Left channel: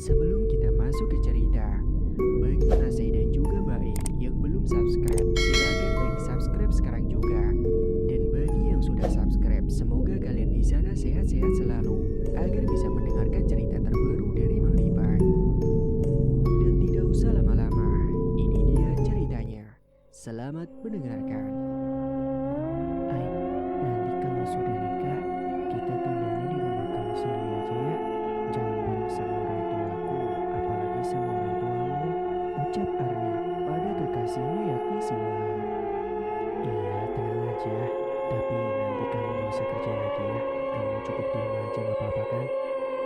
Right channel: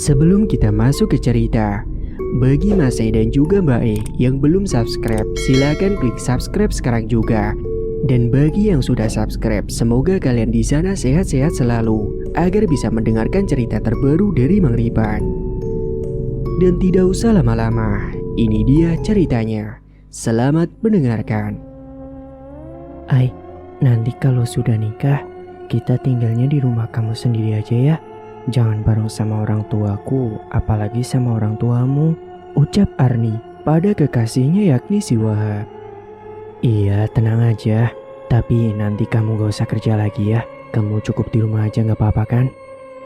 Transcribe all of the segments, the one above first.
Sebelum kita masuk ke cerita, bagi Mas E dan juga Mbak E yang belum subscribe, silakan klik subscribe sekarang juga. Dan bagi yang sudah subscribe, semoga kalian di sana sehat-sehat selalu agar bisa mendengarkan cerita terbaru dari Mang Ripan. Dan tidak usah lama-lama, ini dia ceritanya. Selamat mendengarkan. Ai, nanti kalau sudah nikah, kita tinggalnya di rumah kamu sendiri aja ya. Jangan bareng sama orang tuaku, apalagi sama orang tuamu, ucap Arni pada kekasihnya yakni si Wahab. Iya, tenang aja. Tapi nanti kamu gak usah kerja lagi ya. Kamu cukup di rumah aja gak apa-apa kan?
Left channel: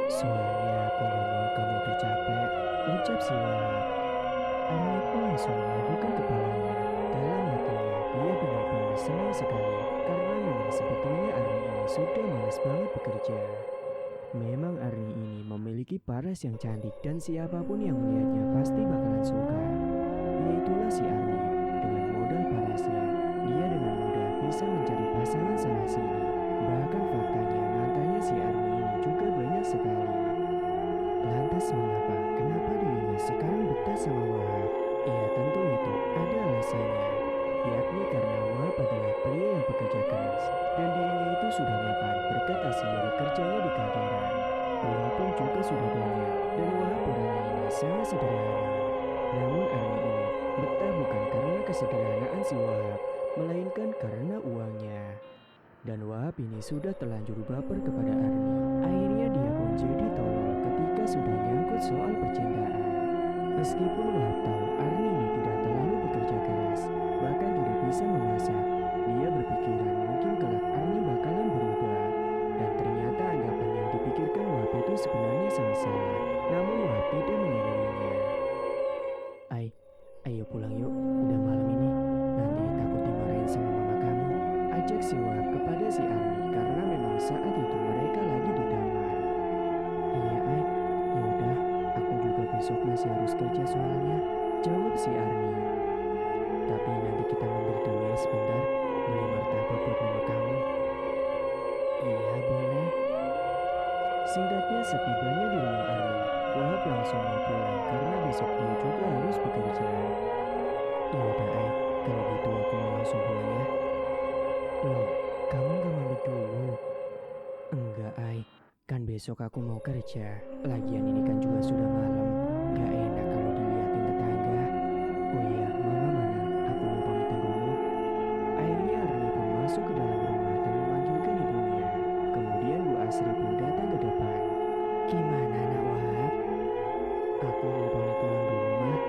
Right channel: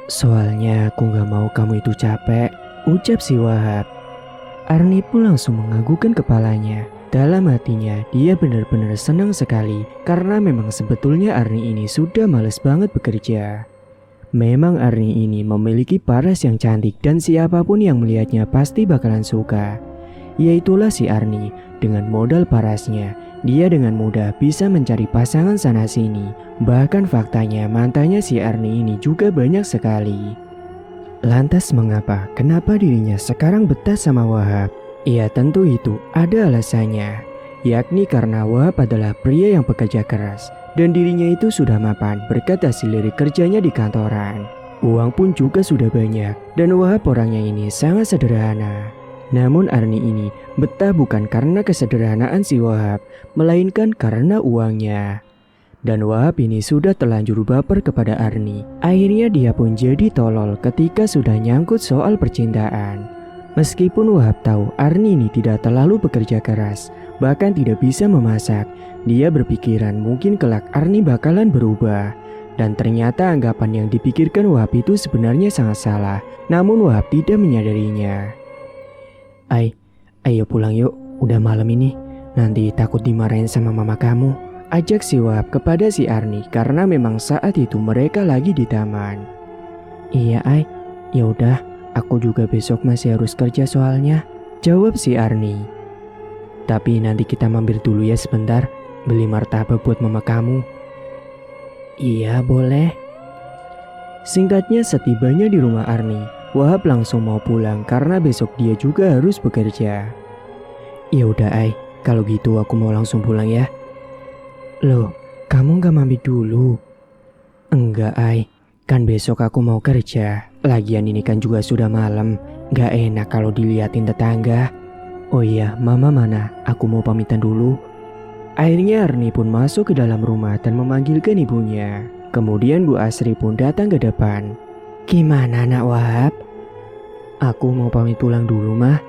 Soalnya aku gak mau kamu itu capek, ucap si Wahab. Arni pun langsung menganggukkan kepalanya. Dalam hatinya, dia benar-benar senang sekali karena memang sebetulnya Arni ini sudah males banget bekerja. Memang Arni ini memiliki paras yang cantik dan siapapun yang melihatnya pasti bakalan suka. Yaitulah si Arni, dengan modal parasnya, dia dengan mudah bisa mencari pasangan sana-sini. Bahkan faktanya mantannya si Arni ini juga banyak sekali. Lantas mengapa? Kenapa dirinya sekarang betah sama Wahab? Ya tentu itu ada alasannya, yakni karena Wahab adalah pria yang bekerja keras dan dirinya itu sudah mapan berkat hasil dari kerjanya di kantoran. Uang pun juga sudah banyak dan Wahab orangnya ini sangat sederhana. Namun Arni ini betah bukan karena kesederhanaan si Wahab, melainkan karena uangnya. Dan Wahab ini sudah terlanjur baper kepada Arni. Akhirnya dia pun jadi tolol ketika sudah nyangkut soal percintaan. Meskipun Wahab tahu Arni ini tidak terlalu bekerja keras, bahkan tidak bisa memasak, dia berpikiran mungkin kelak Arni bakalan berubah. Dan ternyata anggapan yang dipikirkan Wahab itu sebenarnya sangat salah, namun Wahab tidak menyadarinya. Ayo pulang yuk, udah malam ini, nanti takut dimarahin sama mama kamu, ajak si Wahab kepada si Arni karena memang saat itu mereka lagi di taman. Iya ya udah, aku juga besok masih harus kerja soalnya, jawab si Arni. Tapi nanti kita mampir dulu ya sebentar, beli martabak buat mama kamu. Iya boleh. Singkatnya setibanya di rumah Arni, Wahab langsung mau pulang karena besok dia juga harus bekerja. Ya udah kalau gitu aku mau langsung pulang ya. Loh, kamu gak mampir dulu? Enggak kan besok aku mau kerja. Lagian ini kan juga sudah malam, gak enak kalau diliatin tetangga. Oh iya, mama mana? Aku mau pamitan dulu. Akhirnya Arni pun masuk ke dalam rumah dan memanggilkan ibunya. Kemudian Bu Asri pun datang ke depan. Gimana nak Wahab? Aku mau pamit pulang dulu mah.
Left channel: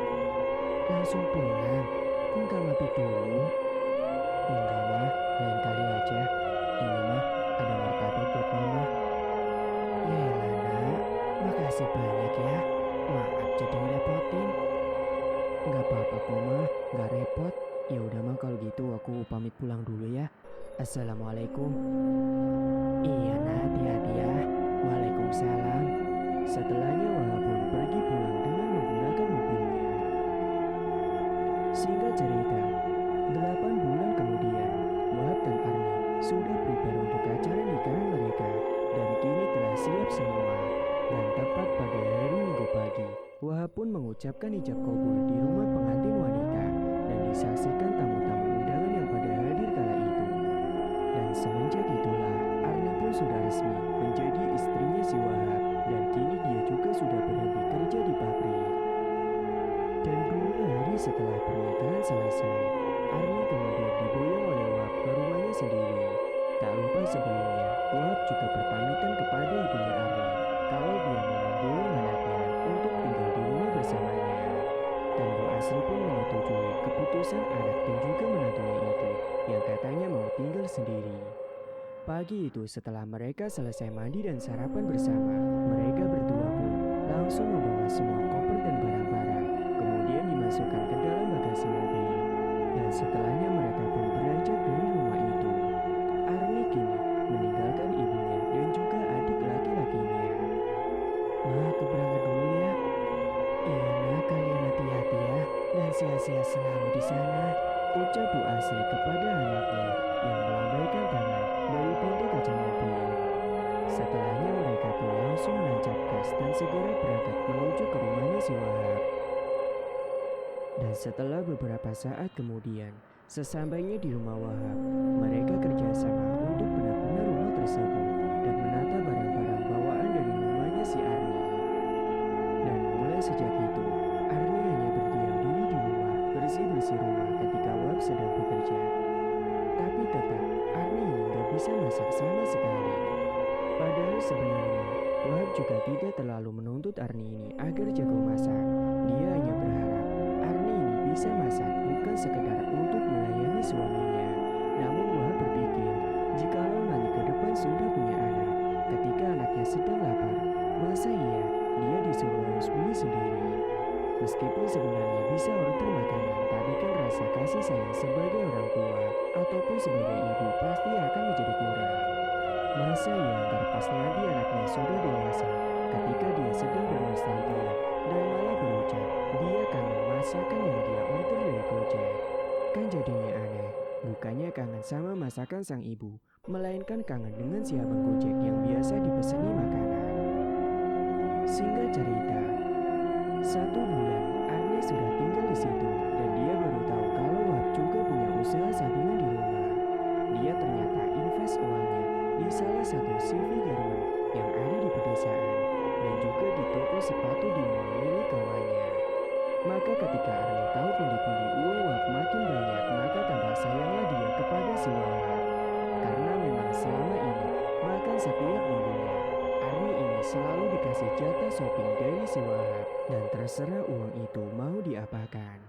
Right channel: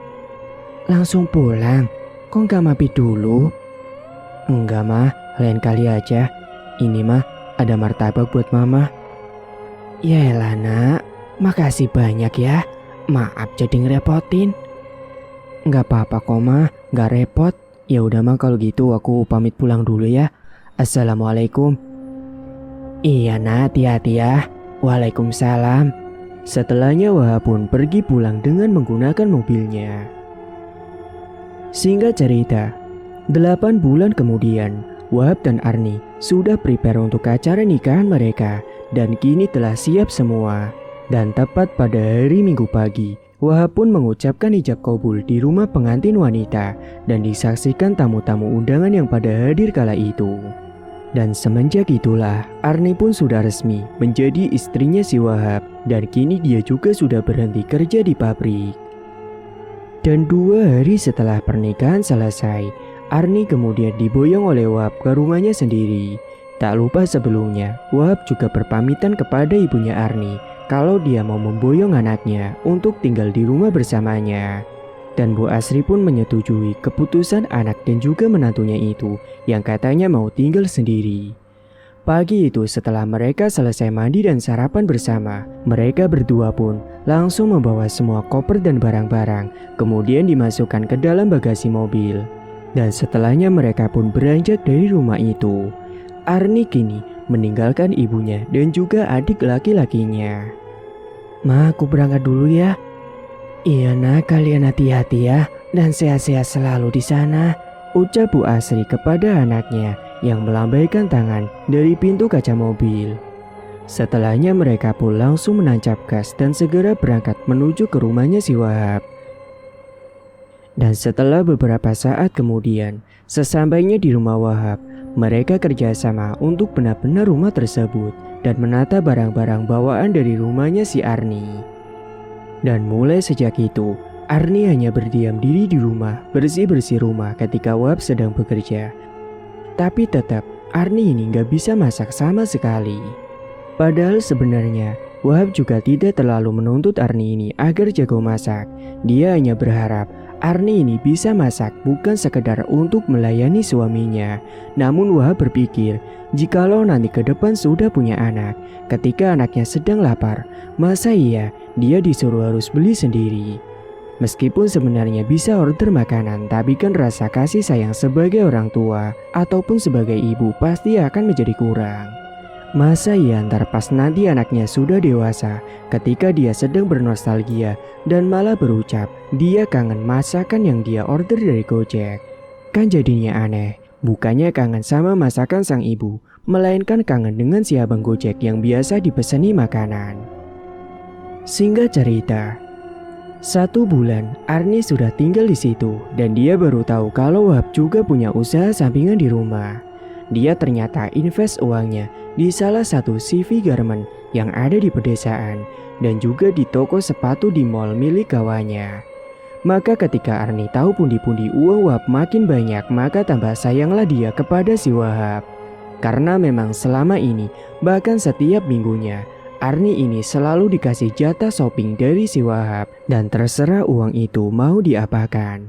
Langsung pulang? Kok gak mampir dulu? Enggak mah, lain kali aja. Ini mah ada martabak buat mama. Yaelah nak, makasih banyak ya. Maaf jadi ngerepotin. Enggak apa-apa kok mah, enggak repot. Ya udah mah kalau gitu aku pamit pulang dulu ya. Assalamualaikum. Iya nak, hati-hati ya. Waalaikumsalam. Setelahnya Wahab pun pergi pulang dengan menggunakan mobilnya. Singkat cerita, 8 bulan kemudian, Wahab dan Arni sudah prepare untuk acara nikahan mereka dan kini telah siap semua. Dan tepat pada hari Minggu pagi, Wahab pun mengucapkan ijab kabul di rumah pengantin wanita dan disaksikan tamu-tamu undangan yang pada hadir kala itu. Dan semenjak itulah, Arni pun sudah resmi menjadi istrinya si Wahab dan kini dia juga sudah berhenti kerja di pabrik. Dan 2 hari setelah pernikahan selesai, Arni kemudian diboyong oleh Wahab ke rumahnya sendiri. Tak lupa sebelumnya, Wahab juga berpamitan kepada ibunya Arni kalau dia mau memboyong anaknya untuk tinggal di rumah bersamanya. Dan Bu Asri pun menyetujui keputusan anak dan juga menantunya itu yang katanya mau tinggal sendiri. Pagi itu setelah mereka selesai mandi dan sarapan bersama, mereka berdua pun langsung membawa semua koper dan barang-barang, kemudian dimasukkan ke dalam bagasi mobil. Dan setelahnya mereka pun beranjak dari rumah itu. Arni kini meninggalkan ibunya dan juga adik laki-lakinya. Ma, aku berangkat dulu ya. Iya nak, kalian hati-hati ya dan sehat-sehat selalu di sana, ucap Bu Asri kepada anaknya yang melambaikan tangan dari pintu kaca mobil. Setelahnya mereka pun langsung menancap gas dan segera berangkat menuju ke rumahnya si Wahab. Dan setelah beberapa saat kemudian, sesampainya di rumah Wahab, mereka kerjasama untuk benar-benar rumah tersebut dan menata barang-barang bawaan dari rumahnya si Arni. Dan mulai sejak itu, Arni hanya berdiam diri di rumah, bersih-bersih rumah ketika Wahab sedang bekerja. Tapi tetap, Arni ini gak bisa masak sama sekali. Padahal sebenarnya, Wahab juga tidak terlalu menuntut Arni ini agar jago masak. Dia hanya berharap Arni ini bisa masak bukan sekedar untuk melayani suaminya. Namun Wahab berpikir, jikalau nanti ke depan sudah punya anak, ketika anaknya sedang lapar, masa iya dia disuruh harus beli sendiri? Meskipun sebenarnya bisa order makanan, tapi kan rasa kasih sayang sebagai orang tua ataupun sebagai ibu pasti akan menjadi kurang. Masa iya ntar pas nanti anaknya sudah dewasa, ketika dia sedang bernostalgia dan malah berucap dia kangen masakan yang dia order dari Gojek. Kan jadinya aneh, bukannya kangen sama masakan sang ibu, melainkan kangen dengan si abang Gojek yang biasa dipesani makanan. Singkat cerita, 1 bulan Arni sudah tinggal di situ dan dia baru tahu kalau Wahab juga punya usaha sampingan di rumah. Dia ternyata invest uangnya di salah satu CV garment yang ada di pedesaan dan juga di toko sepatu di mall milik kawannya. Maka ketika Arni tahu pundi-pundi uang Wahab makin banyak, maka tambah sayanglah dia kepada si Wahab. Karena memang selama ini, bahkan setiap minggunya, Arni ini selalu dikasih jatah shopping dari si Wahab dan terserah uang itu mau diapakan.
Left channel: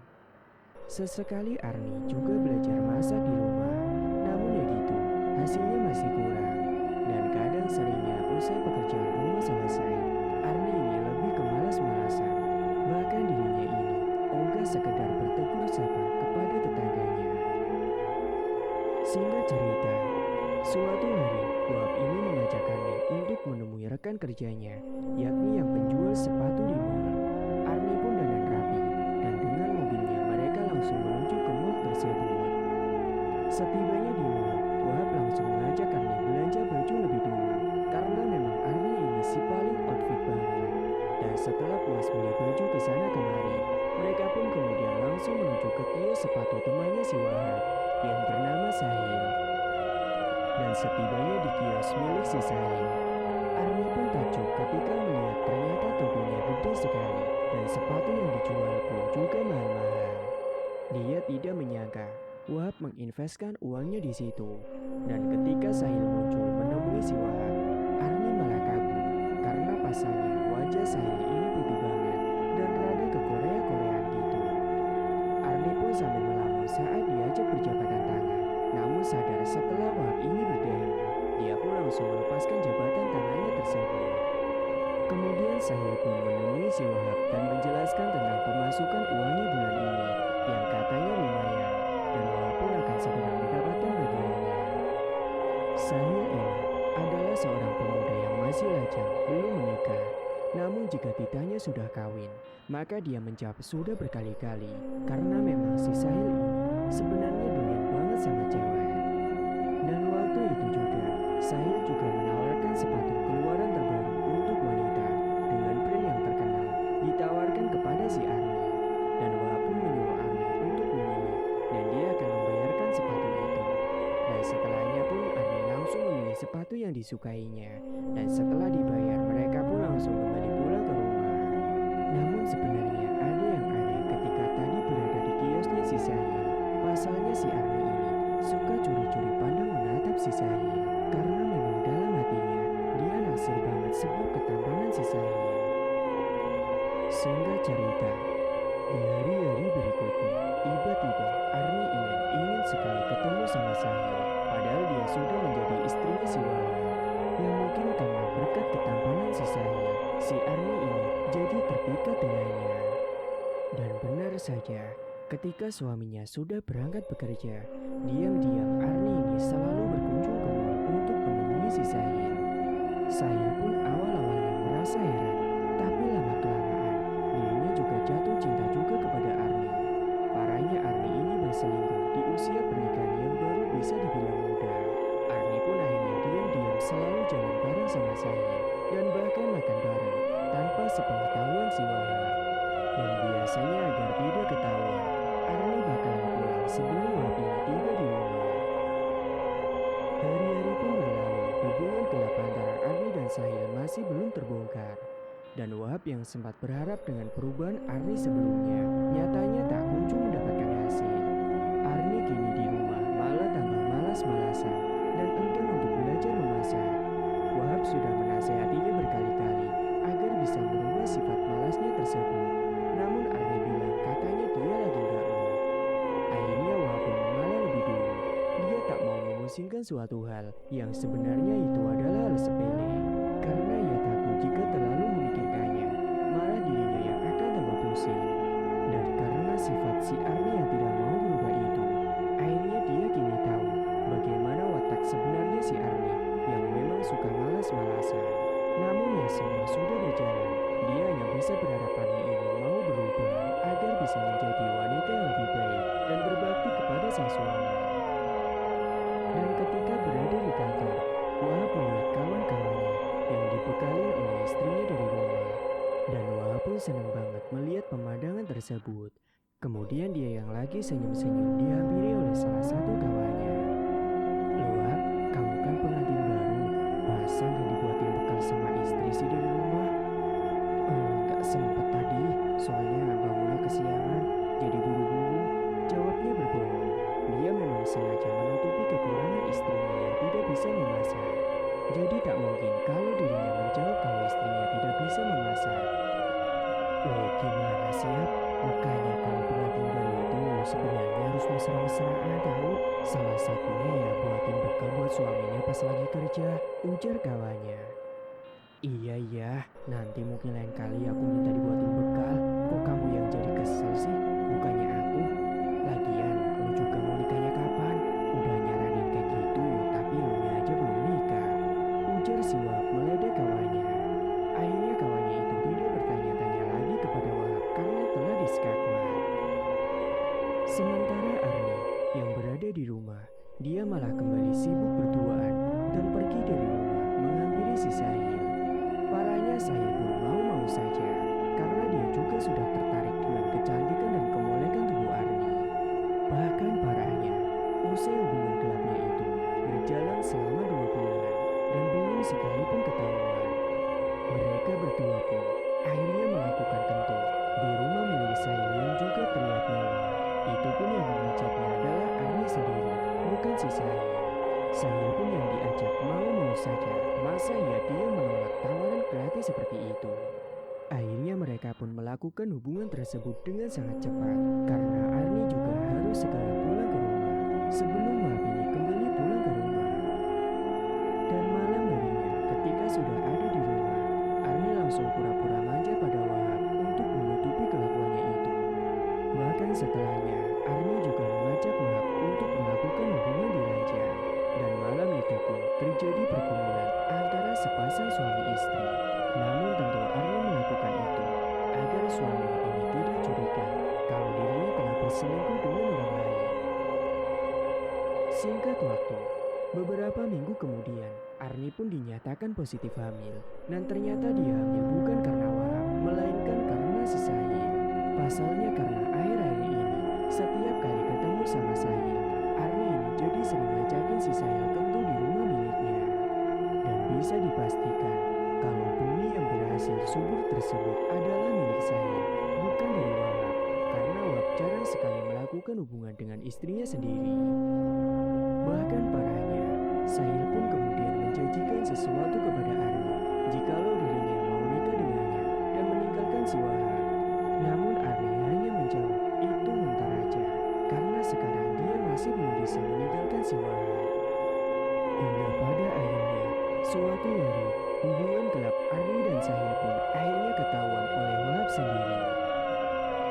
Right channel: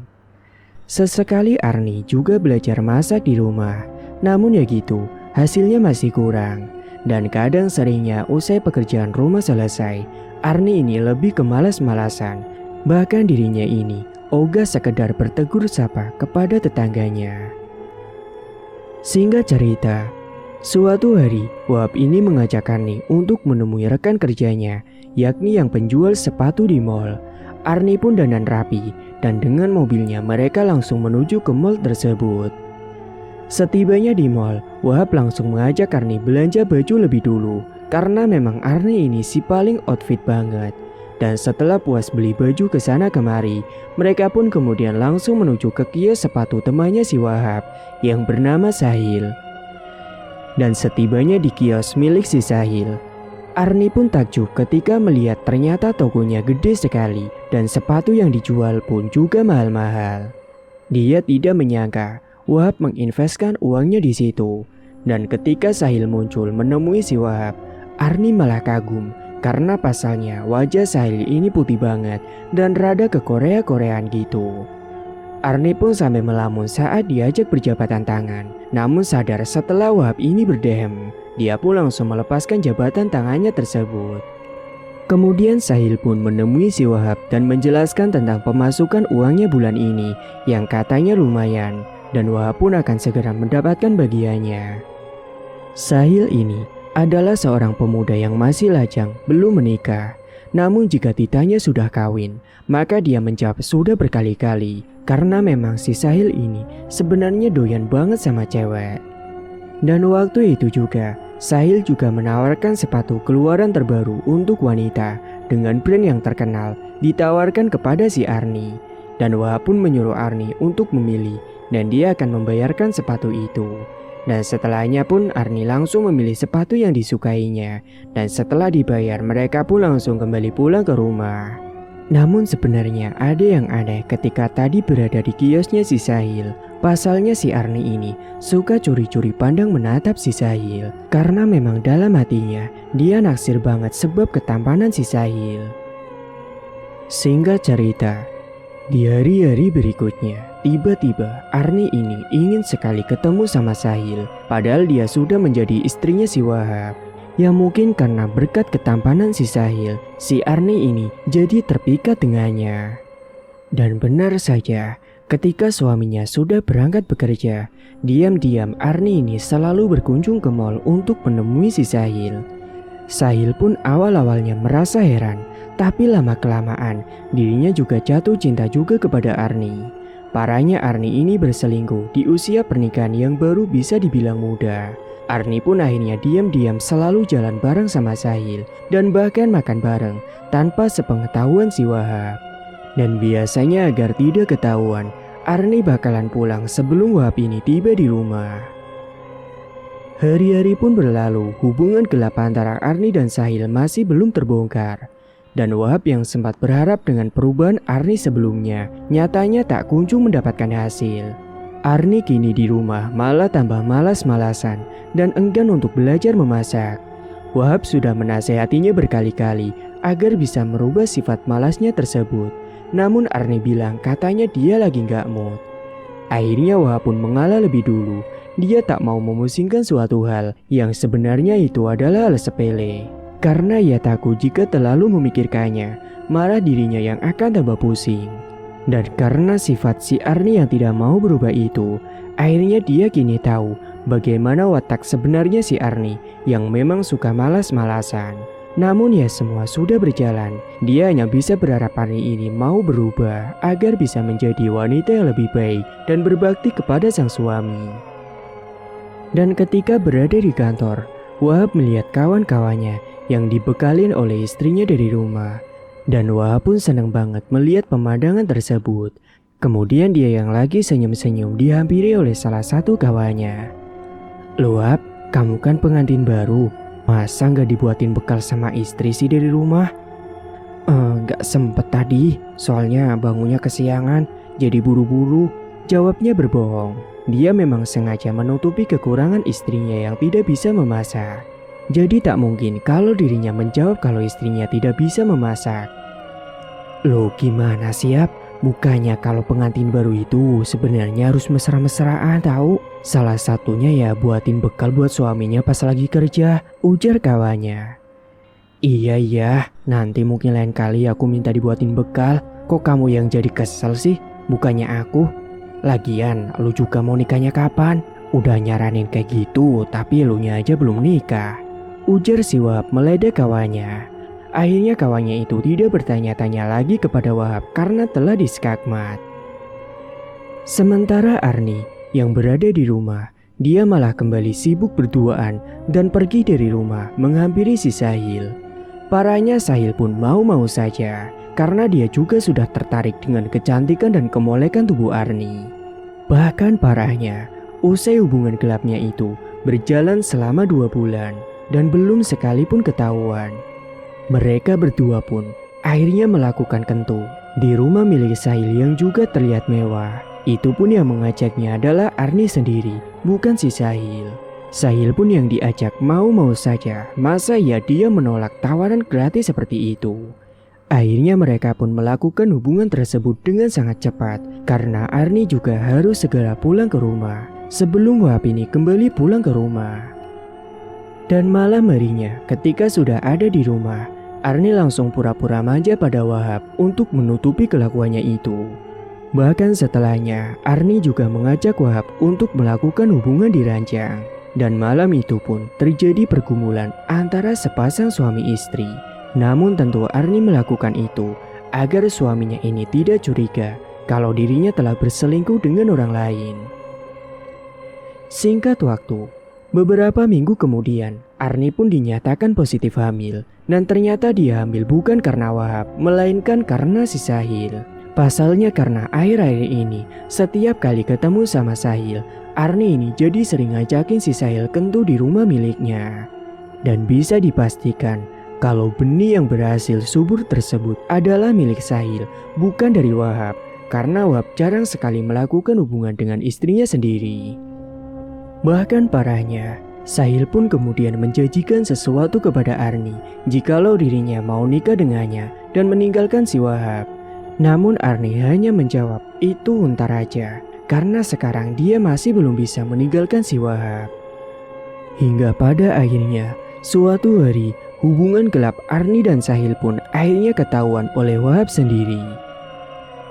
Sesekali Arni juga belajar masak di rumah. Namun ya gitu, hasilnya masih kurang. Dan kadang seringnya usai pekerjaan rumah selesai, Arni ini lebih ke malas-malasan. Bahkan dirinya ini ogah sekedar bertegur sapa kepada tetangganya. Singkat cerita, suatu hari Wahab ini mengajak Arni untuk menemui rekan kerjanya, yakni yang penjual sepatu di mall. Arni pun dandan rapi dan dengan mobilnya mereka langsung menuju ke mall tersebut. Setibanya di mall, Wahab langsung mengajak Arni belanja baju lebih dulu karena memang Arni ini si paling outfit banget. Dan setelah puas beli baju ke sana kemari, mereka pun kemudian langsung menuju ke kios sepatu temannya si Wahab yang bernama Sahil. Dan setibanya di kios milik si Sahil, Arni pun takjub ketika melihat ternyata tokonya gede sekali dan sepatu yang dijual pun juga mahal-mahal. Dia tidak menyangka Wahab menginvestkan uangnya di situ. Dan ketika Sahil muncul menemui si Wahab, Arni malah kagum karena pasalnya wajah Sahil ini putih banget dan rada ke Korea-Koreaan gitu. Arni pun sampai melamun saat diajak berjabatan tangan. Namun sadar setelah Wahab ini berdehem, dia pun langsung melepaskan jabatan tangannya tersebut. Kemudian Sahil pun menemui si Wahab dan menjelaskan tentang pemasukan uangnya bulan ini yang katanya lumayan. Dan Wahab pun akan segera mendapatkan bagiannya. Sahil ini adalah seorang pemuda yang masih lajang, belum menikah. Namun jika ditanya sudah kawin, maka dia menjawab sudah berkali-kali. Karena memang si Sahil ini sebenarnya doyan banget sama cewek. Dan waktu itu juga, Sahil juga menawarkan sepatu keluaran terbaru untuk wanita dengan brand yang terkenal ditawarkan kepada si Arni. Dan Wahab pun menyuruh Arni untuk memilih dan dia akan membayarkan sepatu itu. Dan setelahnya pun Arni langsung memilih sepatu yang disukainya. Dan setelah dibayar mereka pun langsung kembali pulang ke rumah. Namun sebenarnya ada yang aneh ketika tadi berada di kiosnya si Sahil. Pasalnya si Arni ini suka curi-curi pandang menatap si Sahil. Karena memang dalam hatinya dia naksir banget sebab ketampanan si Sahil. Singkat cerita, di hari-hari berikutnya, tiba-tiba Arni ini ingin sekali ketemu sama Sahil. Padahal dia sudah menjadi istrinya si Wahab. Ya mungkin karena berkat ketampanan si Sahil, si Arni ini jadi terpikat dengannya. Dan benar saja, ketika suaminya sudah berangkat bekerja, diam-diam Arni ini selalu berkunjung ke mall untuk menemui si Sahil. Sahil pun awal-awalnya merasa heran. Tapi lama-kelamaan, dirinya juga jatuh cinta juga kepada Arni. Parahnya Arni ini berselingkuh di usia pernikahan yang baru bisa dibilang muda. Arni pun akhirnya diam-diam selalu jalan bareng sama Sahil dan bahkan makan bareng tanpa sepengetahuan si Wahab. Dan biasanya agar tidak ketahuan, Arni bakalan pulang sebelum Wahab ini tiba di rumah. Hari-hari pun berlalu, hubungan gelap antara Arni dan Sahil masih belum terbongkar. Dan Wahab yang sempat berharap dengan perubahan Arni sebelumnya, nyatanya tak kunjung mendapatkan hasil. Arni kini di rumah malah tambah malas-malasan dan enggan untuk belajar memasak. Wahab sudah menasehatinya berkali-kali agar bisa merubah sifat malasnya tersebut. Namun Arni bilang katanya dia lagi gak mood. Akhirnya Wahab pun mengalah lebih dulu. Dia tak mau memusingkan suatu hal yang sebenarnya itu adalah hal sepele. Karena ia takut jika terlalu memikirkannya, malah dirinya yang akan tambah pusing. Dan karena sifat si Arni yang tidak mau berubah itu, akhirnya dia kini tahu bagaimana watak sebenarnya si Arni yang memang suka malas-malasan. Namun ya semua sudah berjalan, dia hanya bisa berharap Arni ini mau berubah agar bisa menjadi wanita yang lebih baik dan berbakti kepada sang suami. Dan ketika berada di kantor, Wahab melihat kawan-kawannya yang dibekalin oleh istrinya dari rumah. Dan Wahab pun senang banget melihat pemandangan tersebut. Kemudian dia yang lagi senyum-senyum dihampiri oleh salah satu kawannya. "Loh Wahab, kamu kan pengantin baru. Masa nggak dibuatin bekal sama istri sih dari rumah?" Nggak sempet tadi, soalnya bangunnya kesiangan, jadi buru-buru," jawabnya berbohong. Dia memang sengaja menutupi kekurangan istrinya yang tidak bisa memasak. Jadi tak mungkin kalau dirinya menjawab kalau istrinya tidak bisa memasak. "Loh gimana siap? Bukannya kalau pengantin baru itu sebenarnya harus mesra-mesraan tahu? Salah satunya ya buatin bekal buat suaminya pas lagi kerja," ujar kawannya. Iya, nanti mungkin lain kali aku minta dibuatin bekal. Kok kamu yang jadi kesel sih? Bukannya aku. Lagian lu juga mau nikahnya kapan? Udah nyaranin kayak gitu tapi elunya aja belum nikah, ujar si Wahab meledek kawannya. Akhirnya kawannya itu tidak bertanya-tanya lagi kepada Wahab karena telah diskakmat. Sementara Arni yang berada di rumah, dia malah kembali sibuk berduaan dan pergi dari rumah menghampiri si Sahil. Parahnya Sahil pun mau-mau saja karena dia juga sudah tertarik dengan kecantikan dan kemolekan tubuh Arni. Bahkan parahnya, usai hubungan gelapnya itu berjalan selama 2 bulan dan belum sekalipun ketahuan. Mereka berdua pun akhirnya melakukan kentu di rumah milik Sahil yang juga terlihat mewah. Itu pun yang mengajaknya adalah Arni sendiri, bukan si Sahil. Sahil pun yang diajak mau-mau saja, masa ya dia menolak tawaran gratis seperti itu. Akhirnya mereka pun melakukan hubungan tersebut dengan sangat cepat karena Arni juga harus segera pulang ke rumah sebelum Wahab ini kembali pulang ke rumah. Dan malam harinya ketika sudah ada di rumah, Arni langsung pura-pura manja pada Wahab untuk menutupi kelakuannya itu. Bahkan setelahnya, Arni juga mengajak Wahab untuk melakukan hubungan di ranjang. Dan malam itu pun terjadi pergumulan antara sepasang suami istri. Namun tentu Arni melakukan itu agar suaminya ini tidak curiga kalau dirinya telah berselingkuh dengan orang lain. Singkat waktu, beberapa minggu kemudian, Arni pun dinyatakan positif hamil. Dan ternyata dia hamil bukan karena Wahab, melainkan karena si Sahil. Pasalnya karena akhir-akhir ini, setiap kali ketemu sama Sahil, Arni ini jadi sering ngajakin si Sahil kentu di rumah miliknya. Dan bisa dipastikan kalau benih yang berhasil subur tersebut adalah milik Sahil, bukan dari Wahab. Karena Wahab jarang sekali melakukan hubungan dengan istrinya sendiri. Bahkan parahnya, Sahil pun kemudian menjanjikan sesuatu kepada Arni jikalau dirinya mau nikah dengannya dan meninggalkan si Wahab. Namun Arni hanya menjawab itu untar aja karena sekarang dia masih belum bisa meninggalkan si Wahab. Hingga pada akhirnya suatu hari hubungan gelap Arni dan Sahil pun akhirnya ketahuan oleh Wahab sendiri.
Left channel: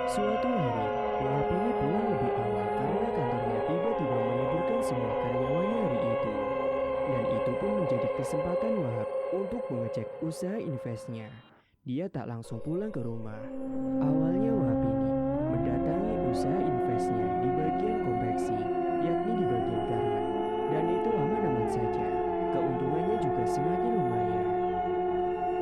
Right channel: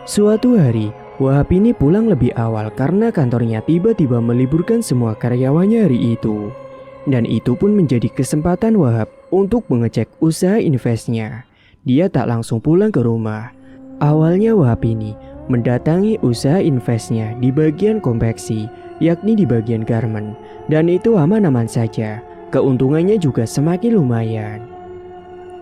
Suatu hari Wahab ini pulang lebih awal karena kantornya tiba-tiba meliburkan semua karyawannya hari itu. Dan itu pun menjadi kesempatan Wahab untuk mengecek usaha investnya. Dia tak langsung pulang ke rumah. Awalnya Wahab ini mendatangi usaha investnya di bagian konveksi, yakni di bagian garment. dan itu aman-aman saja. Keuntungannya juga semakin lumayan.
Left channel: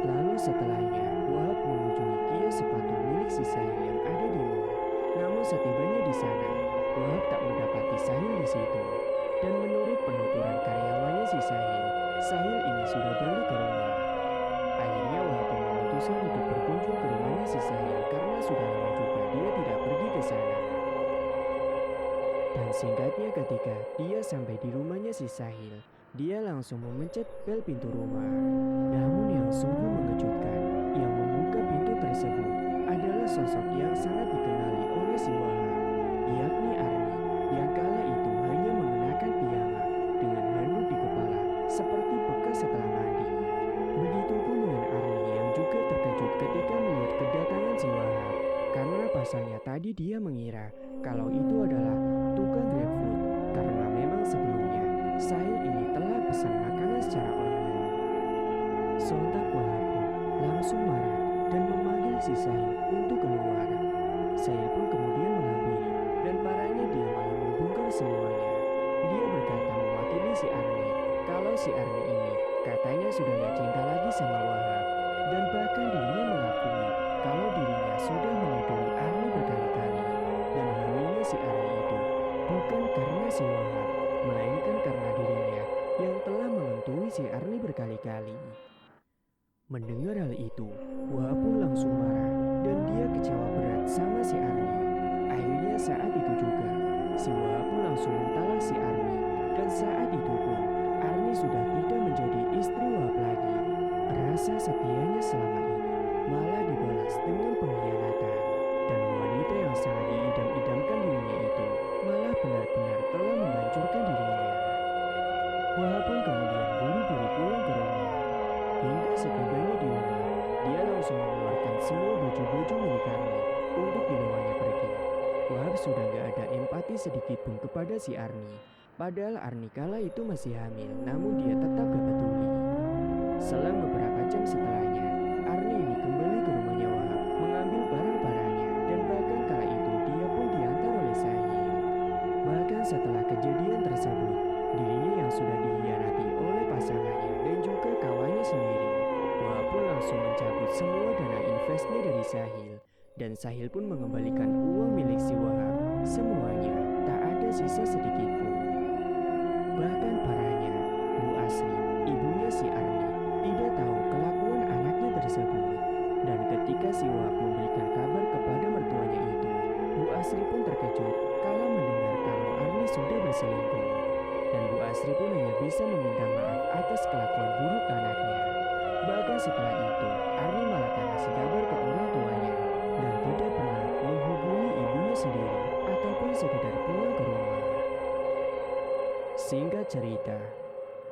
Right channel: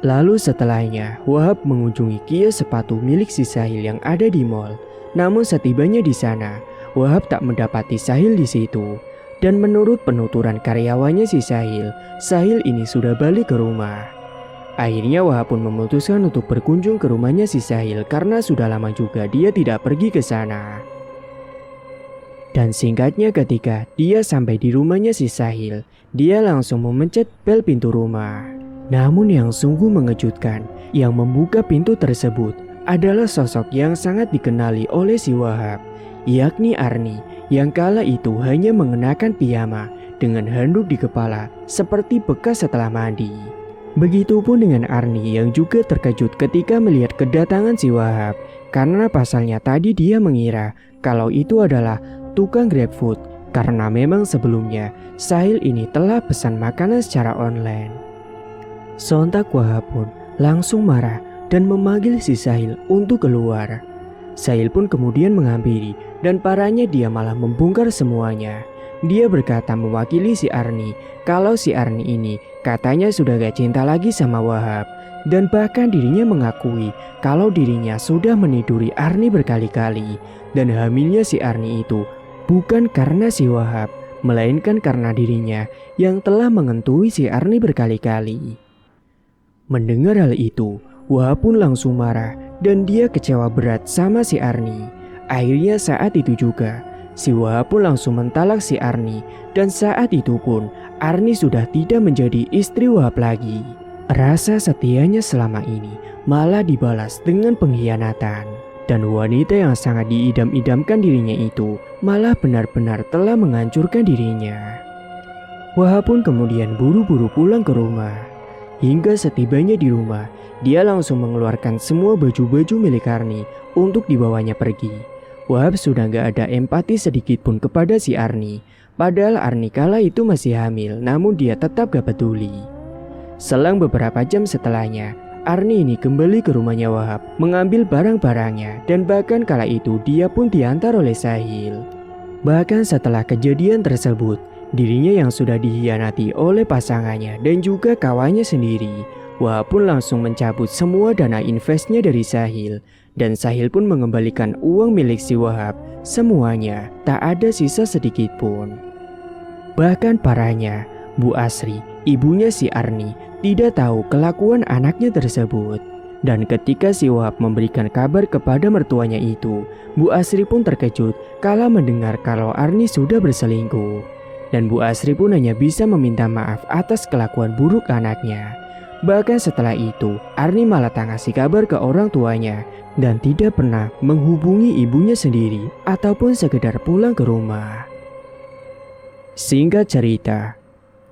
Lalu setelahnya, Wahab mengunjungi kios sepatu milik si Sahil yang ada di mall. Namun setibanya di sana, Wahab tak mendapati Sahil di situ. Dan menurut penuturan karyawannya si Sahil, Sahil ini sudah balik ke rumah. Akhirnya Wahab pun memutuskan untuk berkunjung ke rumahnya si Sahil karena sudah lama juga dia tidak pergi ke sana. Dan singkatnya ketika dia sampai di rumahnya si Sahil, dia langsung memencet bel pintu rumah. Namun yang sungguh mengejutkan, yang membuka pintu tersebut adalah sosok yang sangat dikenali oleh si Wahab, yakni Arni, yang kala itu hanya mengenakan piyama dengan handuk di kepala seperti bekas setelah mandi. Begitupun dengan Arni yang juga terkejut ketika melihat kedatangan si Wahab, karena pasalnya tadi dia mengira kalau itu adalah tukang GrabFood, karena memang sebelumnya Sahil ini telah pesan makanan secara online. Sontak Wahab pun langsung marah dan memanggil si Sahil untuk keluar. Sahil pun kemudian menghampiri dan parahnya dia malah membongkar semuanya. Dia berkata mewakili si Arni kalau si Arni ini katanya sudah gak cinta lagi sama Wahab. Dan bahkan dirinya mengakui kalau dirinya sudah meniduri Arni berkali-kali. Dan hamilnya si Arni itu bukan karena si Wahab, melainkan karena dirinya yang telah mengentui si Arni berkali-kali. Mendengar hal itu, Wahab pun langsung marah dan dia kecewa berat sama si Arni. Akhirnya saat itu juga, si Wahab pun langsung mentalak si Arni. Dan saat itu pun, Arni sudah tidak menjadi istri Wahab lagi. Rasa setianya selama ini malah dibalas dengan pengkhianatan. Dan wanita yang sangat diidam-idamkan dirinya itu malah benar-benar telah menghancurkan dirinya. Wahab pun kemudian buru-buru pulang ke rumah. Hingga setibanya di rumah, dia langsung mengeluarkan semua baju-baju milik Arni untuk dibawanya pergi. Wahab sudah gak ada empati sedikit pun kepada si Arni. Padahal Arni kala itu masih hamil, namun dia tetap gak peduli. Selang beberapa jam setelahnya, Arni ini kembali ke rumahnya Wahab, mengambil barang-barangnya, dan bahkan kala itu dia pun diantar oleh Sahil. Bahkan setelah kejadian tersebut, dirinya yang sudah dikhianati oleh pasangannya dan juga kawannya sendiri, Wahab pun langsung mencabut semua dana investnya dari Sahil. Dan Sahil pun mengembalikan uang milik si Wahab, semuanya, tak ada sisa sedikit pun. Bahkan parahnya, Bu Asri, ibunya si Arni, tidak tahu kelakuan anaknya tersebut. Dan ketika si Wahab memberikan kabar kepada mertuanya itu, Bu Asri pun terkejut kala mendengar kalau Arni sudah berselingkuh. Dan Bu Asri pun hanya bisa meminta maaf atas kelakuan buruk anaknya. Bahkan setelah itu, Arni malah tak ngasih kabar ke orang tuanya dan tidak pernah menghubungi ibunya sendiri ataupun sekedar pulang ke rumah. Singkat cerita,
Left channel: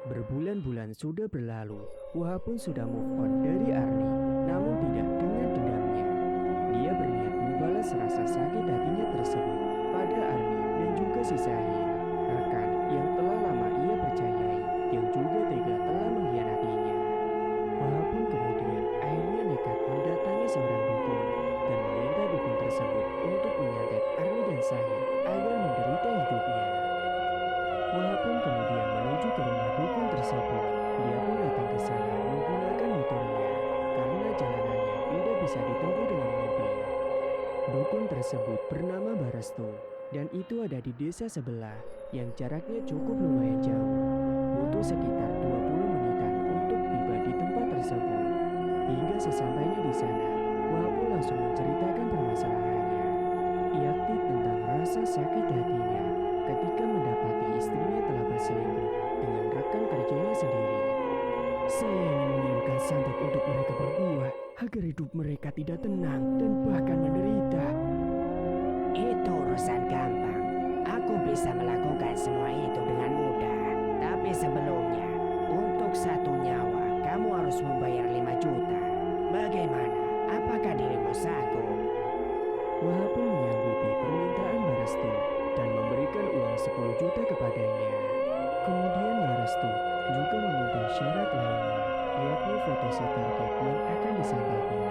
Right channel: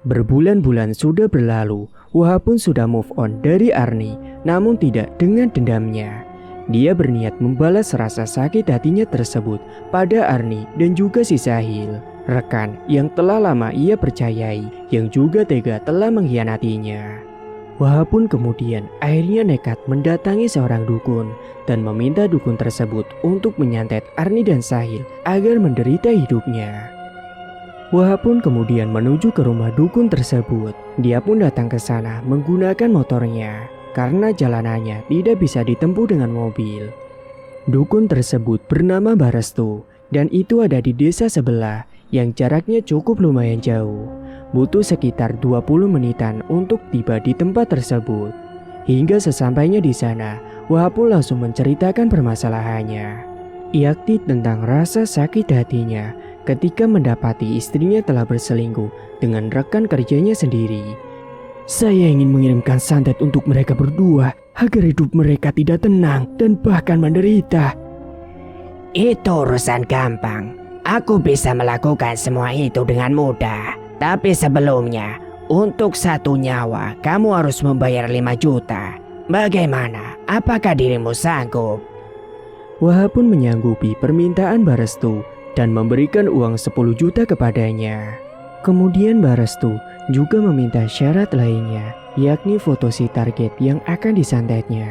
berbulan-bulan sudah berlalu, Wahab pun sudah move on dari Arni, namun tidak dengan dendamnya. Dia berniat membalas rasa sakit hatinya tersebut pada Arni dan juga si Sahil, rekan yang telah lama ia percayai, yang juga tega telah mengkhianatinya. Wahab pun kemudian akhirnya nekat mendatangi seorang dukun dan meminta dukun tersebut untuk menyantet Arni dan Sahil agar menderita hidupnya. Wahab pun kemudian menuju ke rumah dukun tersebut. Dia pun datang ke sana menggunakan motornya karena jalanannya tidak bisa ditempuh dengan mobil. Dukun tersebut bernama Barestu dan itu ada di desa sebelah yang jaraknya cukup lumayan jauh. Butuh sekitar 20 menitan untuk tiba di tempat tersebut. Hingga sesampainya di sana, Wahab pun langsung menceritakan permasalahannya. Yakni tentang rasa sakit hatinya ketika mendapati istrinya telah berselingkuh dengan rekan kerjanya sendiri. Saya ingin mengirimkan santet untuk mereka berdua agar hidup mereka tidak tenang dan bahkan menderita. Itu urusan gampang. Aku bisa melakukan semua itu dengan mudah. Tapi sebelumnya, untuk satu nyawa, kamu harus membayar 5 juta. Bagaimana? Apakah dirimu sanggup? Wahab pun menyanggupi permintaan Barestu dan memberikan uang 10 juta kepadanya. Kemudian Barestu juga meminta syarat lainnya, yakni foto si target yang akan disantetnya.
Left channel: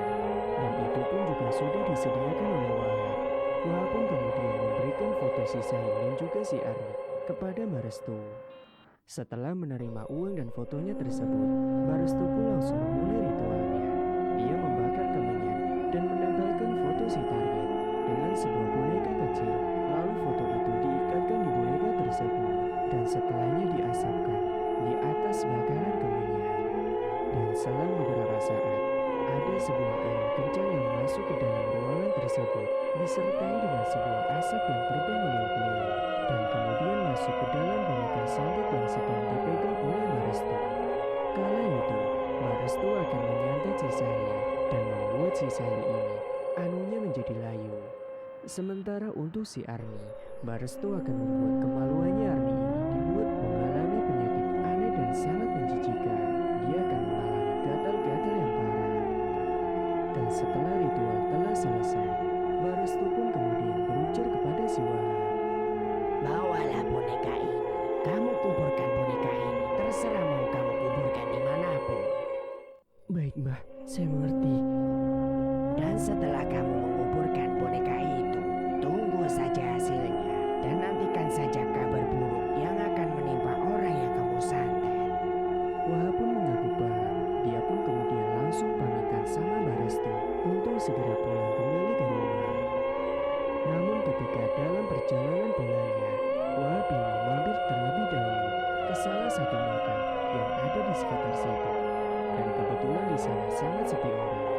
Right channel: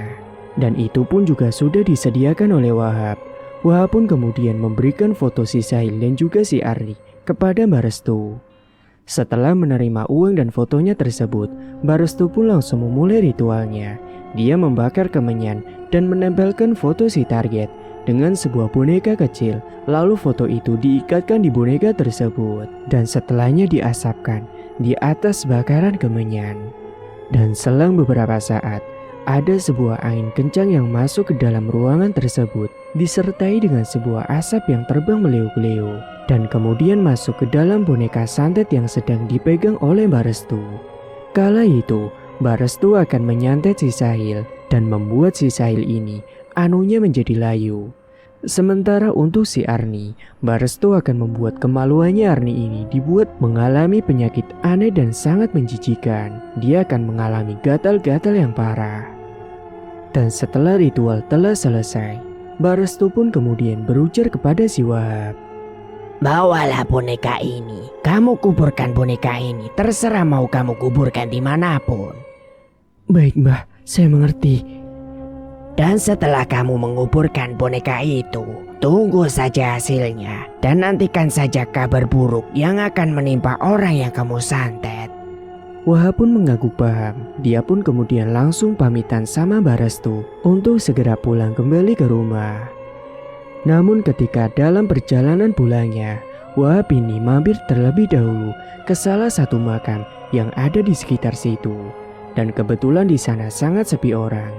Dan itu pun juga sudah disediakan oleh Wahab. Wahab pun kemudian memberikan foto si Sahil dan juga si Arni kepada Barestu. Setelah menerima uang dan fotonya tersebut, Barestu pun langsung memulai ritualnya. Dia membakar kemenyan dan menempelkan foto si target dengan sebuah boneka kecil. Lalu foto itu diikatkan di boneka tersebut dan setelahnya diasapkan di atas bakaran kemenyan. Dan selang beberapa saat, ada sebuah angin kencang yang masuk ke dalam ruangan tersebut disertai dengan sebuah asap yang terbang meliuk-liuk dan kemudian masuk ke dalam boneka santet yang sedang dipegang oleh Barestu. Kala itu, Barestu akan menyantet si Sahil dan membuat si Sahil ini anunya menjadi layu. Sementara untuk si Arni, Barestu akan membuat kemaluannya Arni ini dibuat mengalami penyakit aneh dan sangat menjijikan. Dia akan mengalami gatal-gatal yang parah. Dan setelah ritual telah selesai, Barestu pun kemudian berujar kepada si Wahab. Bawalah boneka ini. Kamu kuburkan boneka ini. Terserah mau kamu kuburkan dimanapun. Baik Mbah, saya mengerti. Dan setelah kamu menguburkan boneka itu, tunggu saja hasilnya. Dan nantikan saja kabar buruk yang akan menimpa orang yang kamu santet. Wahab pun mengaku paham. Dia pun kemudian langsung pamitan sama Barestu untuk segera pulang kembali ke rumah. Namun ketika dalam perjalanan pulangnya, Wahab ini mampir terlebih dahulu ke salah satu makam yang ada di sekitar situ. Dan kebetulan di sana sangat sepi orang.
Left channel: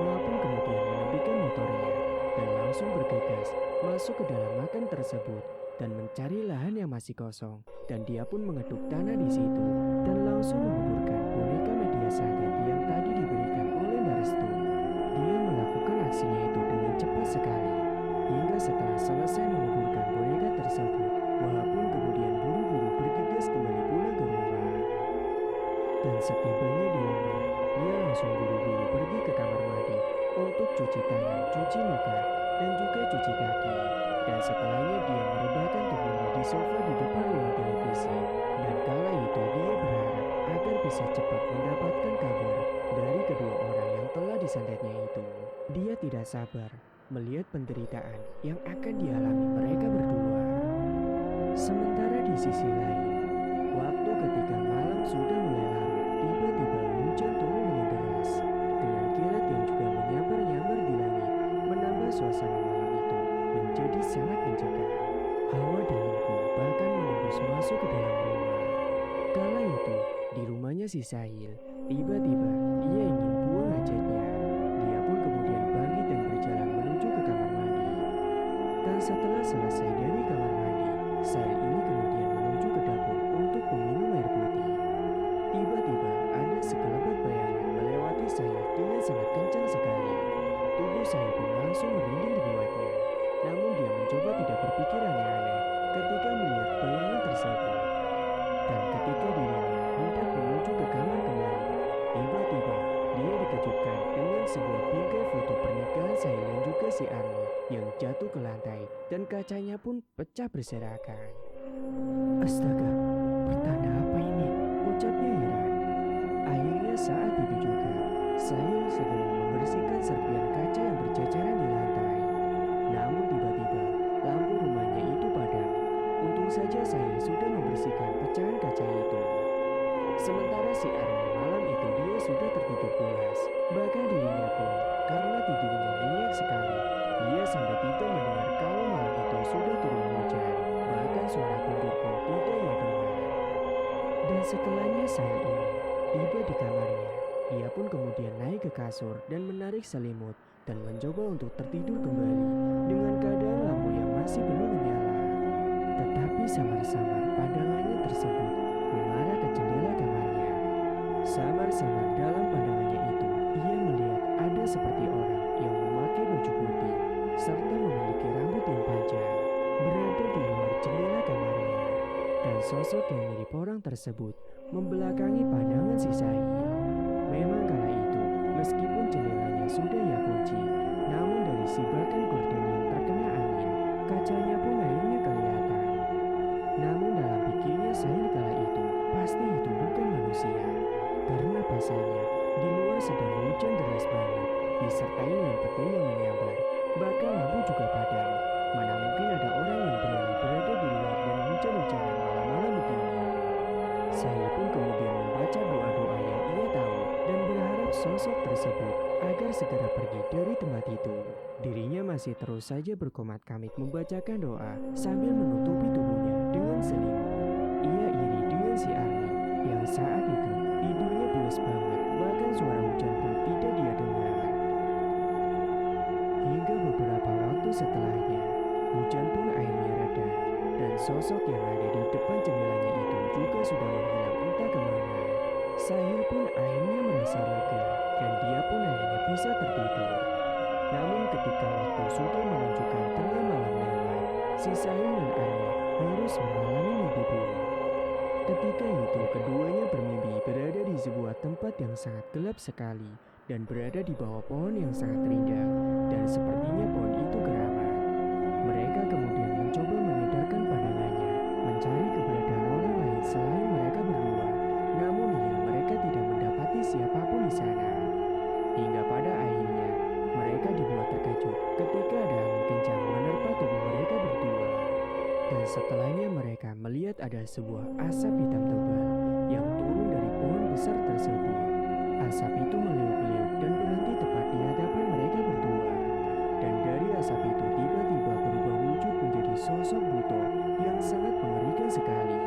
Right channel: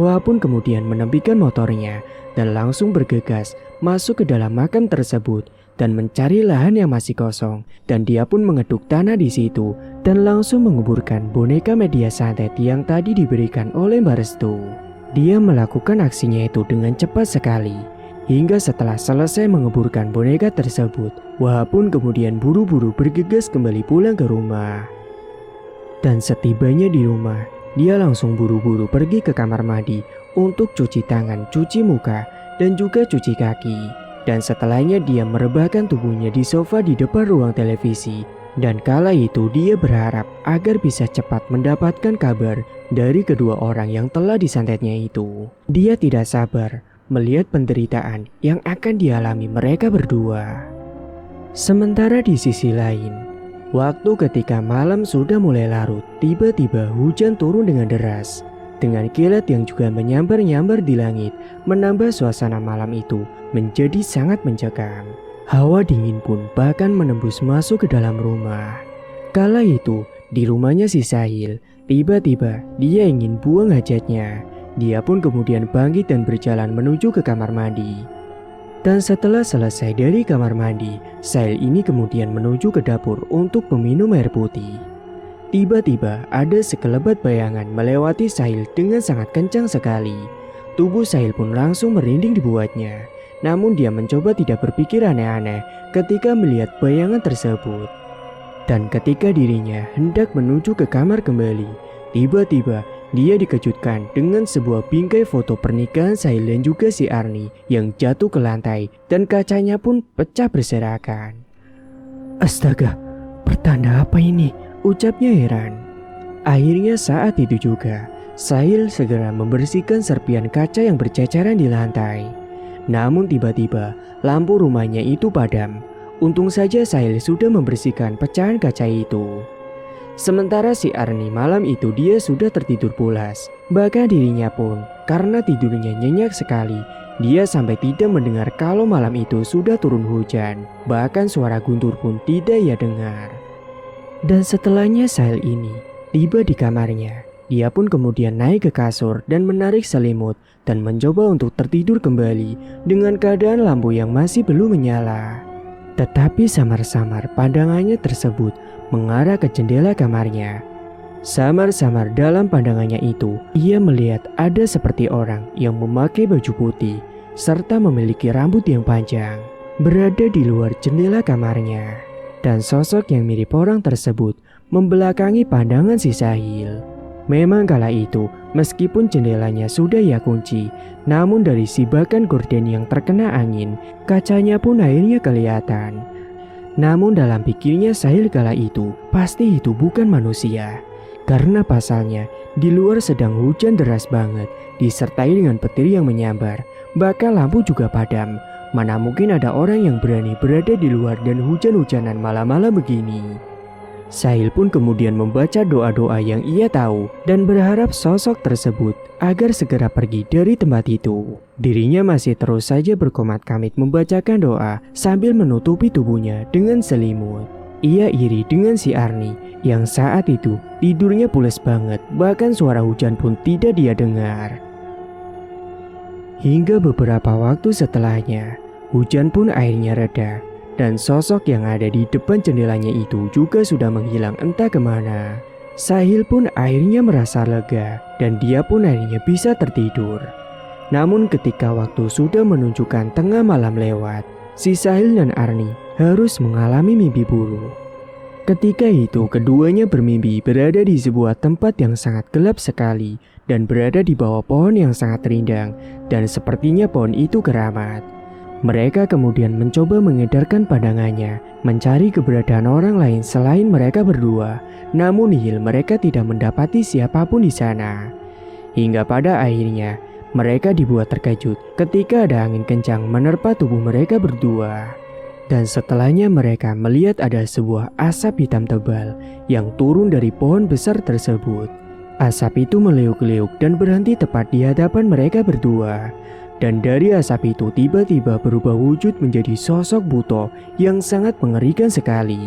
Wahab pun kemudian menepikan motornya dan langsung bergegas masuk ke dalam makam tersebut dan mencari lahan yang masih kosong. Dan dia pun mengetuk tanah di situ dan langsung menguburkan boneka media santet yang tadi diberikan oleh Barestu. Dia melakukan aksinya itu dengan cepat sekali. Hingga setelah selesai menguburkan boneka tersebut, Wahab pun kemudian buru-buru bergegas kembali pulang ke rumah. Dan setibanya di rumah, dia langsung buru-buru pergi ke kamar mandi untuk cuci tangan, cuci muka, dan juga cuci kaki. Dan setelahnya dia merebahkan tubuhnya di sofa di depan ruang televisi. Dan kala itu dia berharap agar bisa cepat mendapatkan kabar dari kedua orang yang telah disantetnya itu. Dia tidak sabar melihat penderitaan yang akan dialami mereka berdua. Sementara di sisi lain, waktu ketika malam sudah mulai larut, tiba-tiba hujan turun dengan deras. Dengan kilat yang juga menyambar-nyambar di langit, menambah suasana malam itu menjadi sangat mencekam. Hawa dingin pun bahkan menembus masuk ke dalam rumah. Kala itu, di rumahnya si Sahil, tiba-tiba dia ingin buang hajatnya. Dia pun kemudian bangkit dan berjalan menuju ke kamar mandi. Dan setelah selesai dari kamar mandi, Sahil ini kemudian menuju ke dapur untuk meminum air putih. Tiba-tiba ada sekelebat bayangan melewati Sahil dengan sangat kencang sekali. Tubuh Sahil pun langsung merinding dibuatnya. Namun dia mencoba tidak berpikir aneh-aneh ketika melihat bayangan tersebut. Dan ketika dirinya hendak menuju ke kamar kembali, tiba-tiba dia dikejutkan dengan sebuah bingkai foto pernikahan Sahil dan juga si Arni yang jatuh ke lantai dan kacanya pun pecah berserakan. Astaga, pertanda apa ini? Ucapnya heran. Akhirnya saat itu juga, Sahil segera membersihkan serpian kaca yang berceceran di lantai. Namun tiba-tiba lampu rumahnya itu padam. Untung saja Sahil sudah membersihkan pecahan kaca itu. Sementara si Arni malam itu dia sudah tertidur pulas. Bahkan dirinya pun karena tidurnya nyenyak sekali, dia sampai tidak mendengar kalau malam itu sudah turun hujan. Bahkan suara guntur pun tidak ia dengar. Dan setelahnya Sahil ini tiba di kamarnya. Dia pun kemudian naik ke kasur dan menarik selimut dan mencoba untuk tertidur kembali dengan keadaan lampu yang masih belum menyala. Tetapi samar-samar pandangannya tersebut mengarah ke jendela kamarnya. Samar-samar dalam pandangannya itu, ia melihat ada seperti orang yang memakai baju putih serta memiliki rambut yang panjang berada di luar jendela kamarnya. Dan sosok yang mirip orang tersebut membelakangi pandangan si Sahil. Memang kala itu, meskipun jendelanya sudah ia kunci, namun dari sibakan gorden yang terkena angin, kacanya pun akhirnya kelihatan. Namun dalam pikirnya Sahil kala itu, pasti itu bukan manusia. Karena pasalnya, di luar sedang hujan deras banget, disertai dengan petir yang menyambar. Bahkan lampu juga padam. Mana mungkin ada orang yang berani berada di luar dan hujan-hujanan malam-malam begini. Sahil pun kemudian membaca doa-doa yang ia tahu dan berharap sosok tersebut agar segera pergi dari tempat itu. Dirinya masih terus saja berkomat-kamit membacakan doa sambil menutupi tubuhnya dengan selimut. Ia iri dengan si Arni yang saat itu tidurnya pules banget, bahkan suara hujan pun tidak dia dengar. Hingga beberapa waktu setelahnya, hujan pun akhirnya reda dan sosok yang ada di depan jendelanya itu juga sudah menghilang entah kemana. Sahil pun akhirnya merasa lega dan dia pun akhirnya bisa tertidur. Namun ketika waktu sudah menunjukkan tengah malam lewat, si Sahil dan Arni harus mengalami mimpi buruk. Ketika itu keduanya bermimpi berada di sebuah tempat yang sangat gelap sekali dan berada di bawah pohon yang sangat rindang dan sepertinya pohon itu keramat. Mereka kemudian mencoba mengedarkan pandangannya, mencari keberadaan orang lain selain mereka berdua. Namun nihil, mereka tidak mendapati siapapun di sana. Hingga pada akhirnya, mereka dibuat terkejut ketika ada angin kencang menerpa tubuh mereka berdua. Dan setelahnya mereka melihat ada sebuah asap hitam tebal yang turun dari pohon besar tersebut. Asap itu meliuk-liuk dan berhenti tepat di hadapan mereka berdua. Dan dari asap itu tiba-tiba berubah wujud menjadi sosok buto yang sangat mengerikan sekali.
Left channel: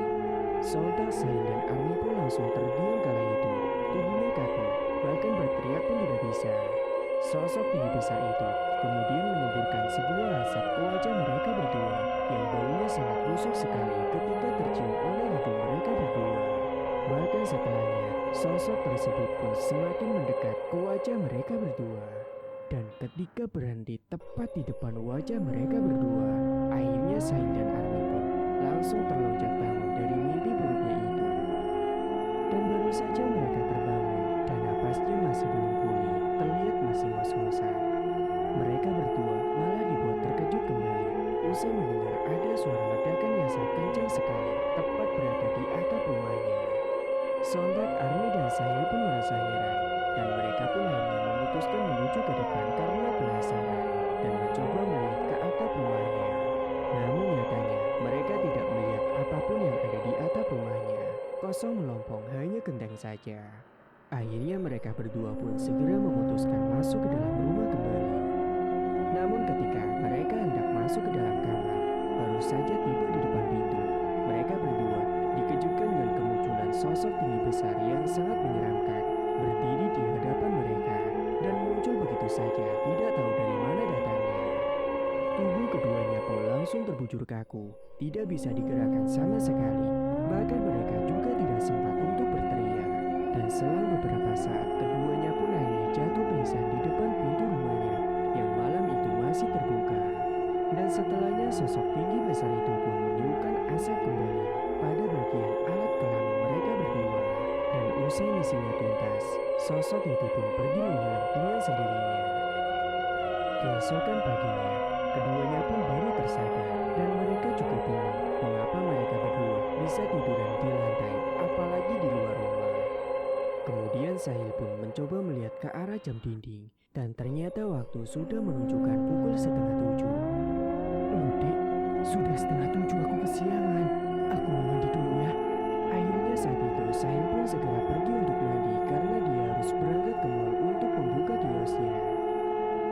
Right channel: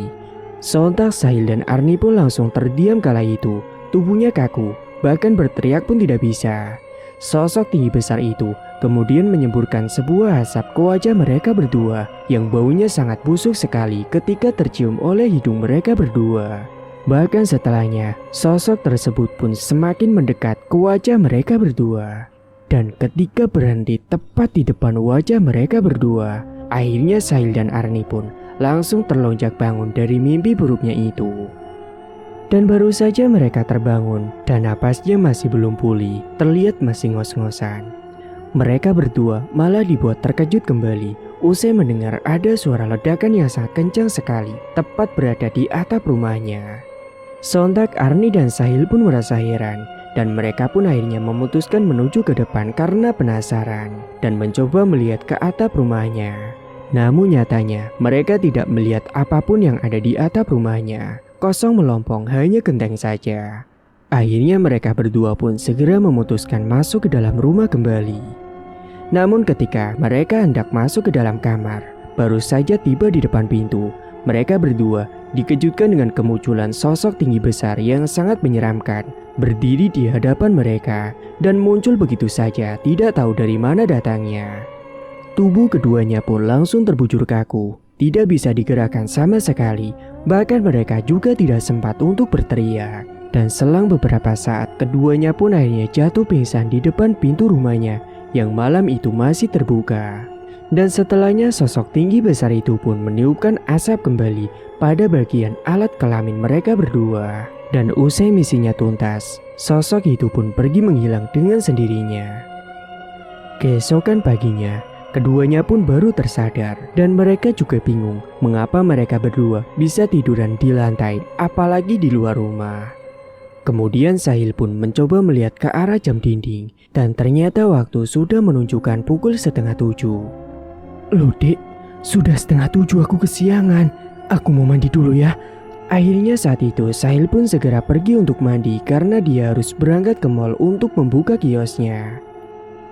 Sontak Sahil dan Arni pun langsung terdiam kala itu. Tubuhnya kaku, bahkan berteriak pun tidak bisa. Sosok tinggi besar itu kemudian menyemburkan sebuah asap ke wajah mereka berdua yang baunya sangat busuk sekali ketika tercium oleh hidung mereka berdua. Bahkan setelahnya, sosok tersebut pun semakin mendekat ke wajah mereka berdua. Dan ketika berhenti tepat di depan wajah mereka berdua, akhirnya Sahil dan Arni pun langsung terlonjak bangun dari mimpi buruknya itu. Dan baru saja mereka terbangun dan napasnya masih belum pulih, terlihat masih ngos-ngosan. Mereka berdua malah dibuat terkejut kembali usai mendengar ada suara ledakan yang sangat kencang sekali tepat berada di atap rumahnya. Sontak Arni dan Sahil pun merasa heran dan mereka pun akhirnya memutuskan menuju ke depan karena penasaran dan mencoba melihat ke atap rumahnya. Namun nyatanya mereka tidak melihat apapun yang ada di atap rumahnya. Kosong melompong, hanya genteng saja. Akhirnya mereka berdua pun segera memutuskan masuk ke dalam rumah kembali. Namun ketika mereka hendak masuk ke dalam kamar, baru saja tiba di depan pintu, mereka berdua dikejutkan dengan kemunculan sosok tinggi besar yang sangat menyeramkan berdiri di hadapan mereka dan muncul begitu saja, tidak tahu dari mana datangnya. Tubuh keduanya pun langsung terbujur kaku, tidak bisa digerakkan sama sekali. Bahkan mereka juga tidak sempat untuk berteriak. Dan selang beberapa saat keduanya pun akhirnya jatuh pingsan di depan pintu rumahnya yang malam itu masih terbuka. Dan setelahnya sosok tinggi besar itu pun meniupkan asap kembali pada bagian alat kelamin mereka berdua. Dan usai misinya tuntas, sosok itu pun pergi menghilang dengan sendirinya. Keesokan paginya, keduanya pun baru tersadar dan mereka juga bingung mengapa mereka berdua bisa tiduran di lantai apalagi di luar rumah. Kemudian Sahil pun mencoba melihat ke arah jam dinding dan ternyata waktu sudah menunjukkan pukul 6:30. Loh dek, sudah 6:30 aku kesiangan. Aku mau mandi dulu ya. Akhirnya saat itu Sahil pun segera pergi untuk mandi karena dia harus berangkat ke mall untuk membuka kiosnya.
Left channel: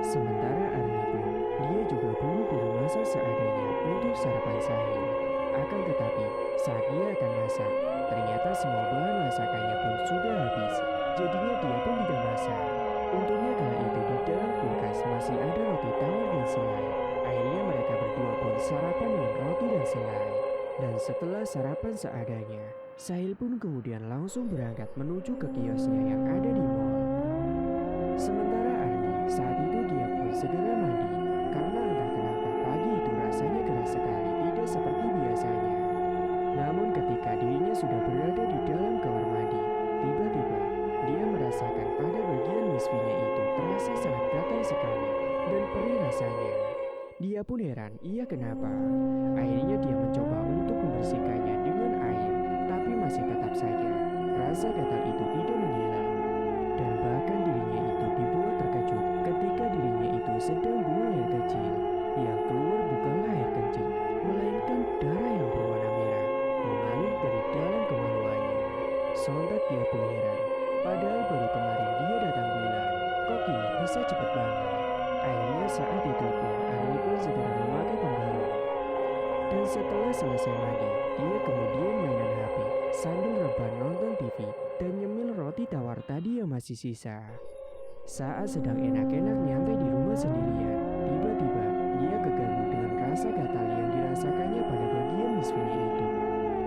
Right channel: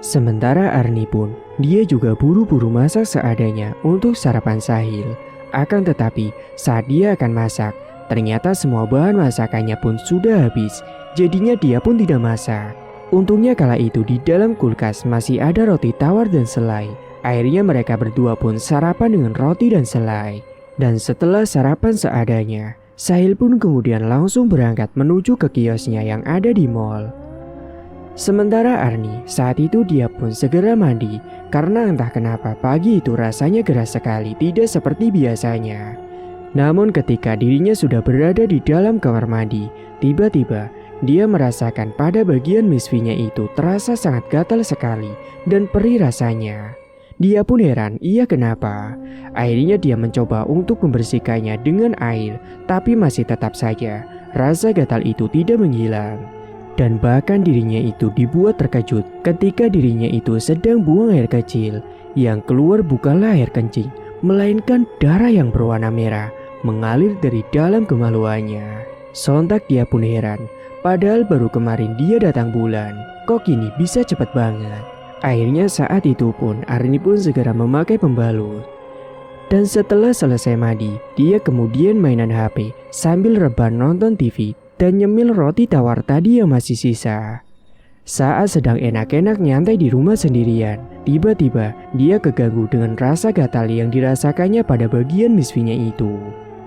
Sementara Arni pun, dia juga buru-buru masak seadanya untuk sarapan Sahil. Akan tetapi, saat dia akan masak, ternyata semua bahan masakannya pun sudah habis. Jadinya dia pun tidak masak. Untungnya kala itu di dalam kulkas masih ada roti tawar dan selai. Akhirnya mereka berdua pun sarapan dengan roti dan selai. Dan setelah sarapan seadanya, Sahil pun kemudian langsung berangkat menuju ke kiosnya yang ada di mall. Sementara Arni saat itu dia pun segera mandi karena entah kenapa pagi itu rasanya geras sekali, tidak seperti biasanya. Namun ketika dirinya sudah berada di dalam kamar mandi, tiba-tiba dia merasakan pada bagian misfinya itu terasa sangat gatal sekali dan perih rasanya. Dia pun heran, iya kenapa? Akhirnya dia mencoba untuk membersihkannya dengan air, tapi masih tetap saja rasa gatal itu tidak menghilang. Dan bahkan dirinya itu dibuat terkejut ketika dirinya itu sedang buang air kecil. Yang keluar bukanlah air kencing, melainkan darah yang berwarna merah mengalir dari dalam kemaluannya. Sontak dia pun heran, padahal baru kemarin dia datang bulan, kok kini bisa cepat banget. Akhirnya saat itu pun Arni pun segera memakai pembalut. Dan setelah selesai mandi, dia kemudian mainan HP sambil rebahan nonton TV dan nyemil roti tawar tadi yang masih sisa. Saat sedang enak-enak nyantai di rumah sendirian, tiba-tiba dia keganggu dengan rasa gatal yang dirasakannya pada bagian misfinya itu.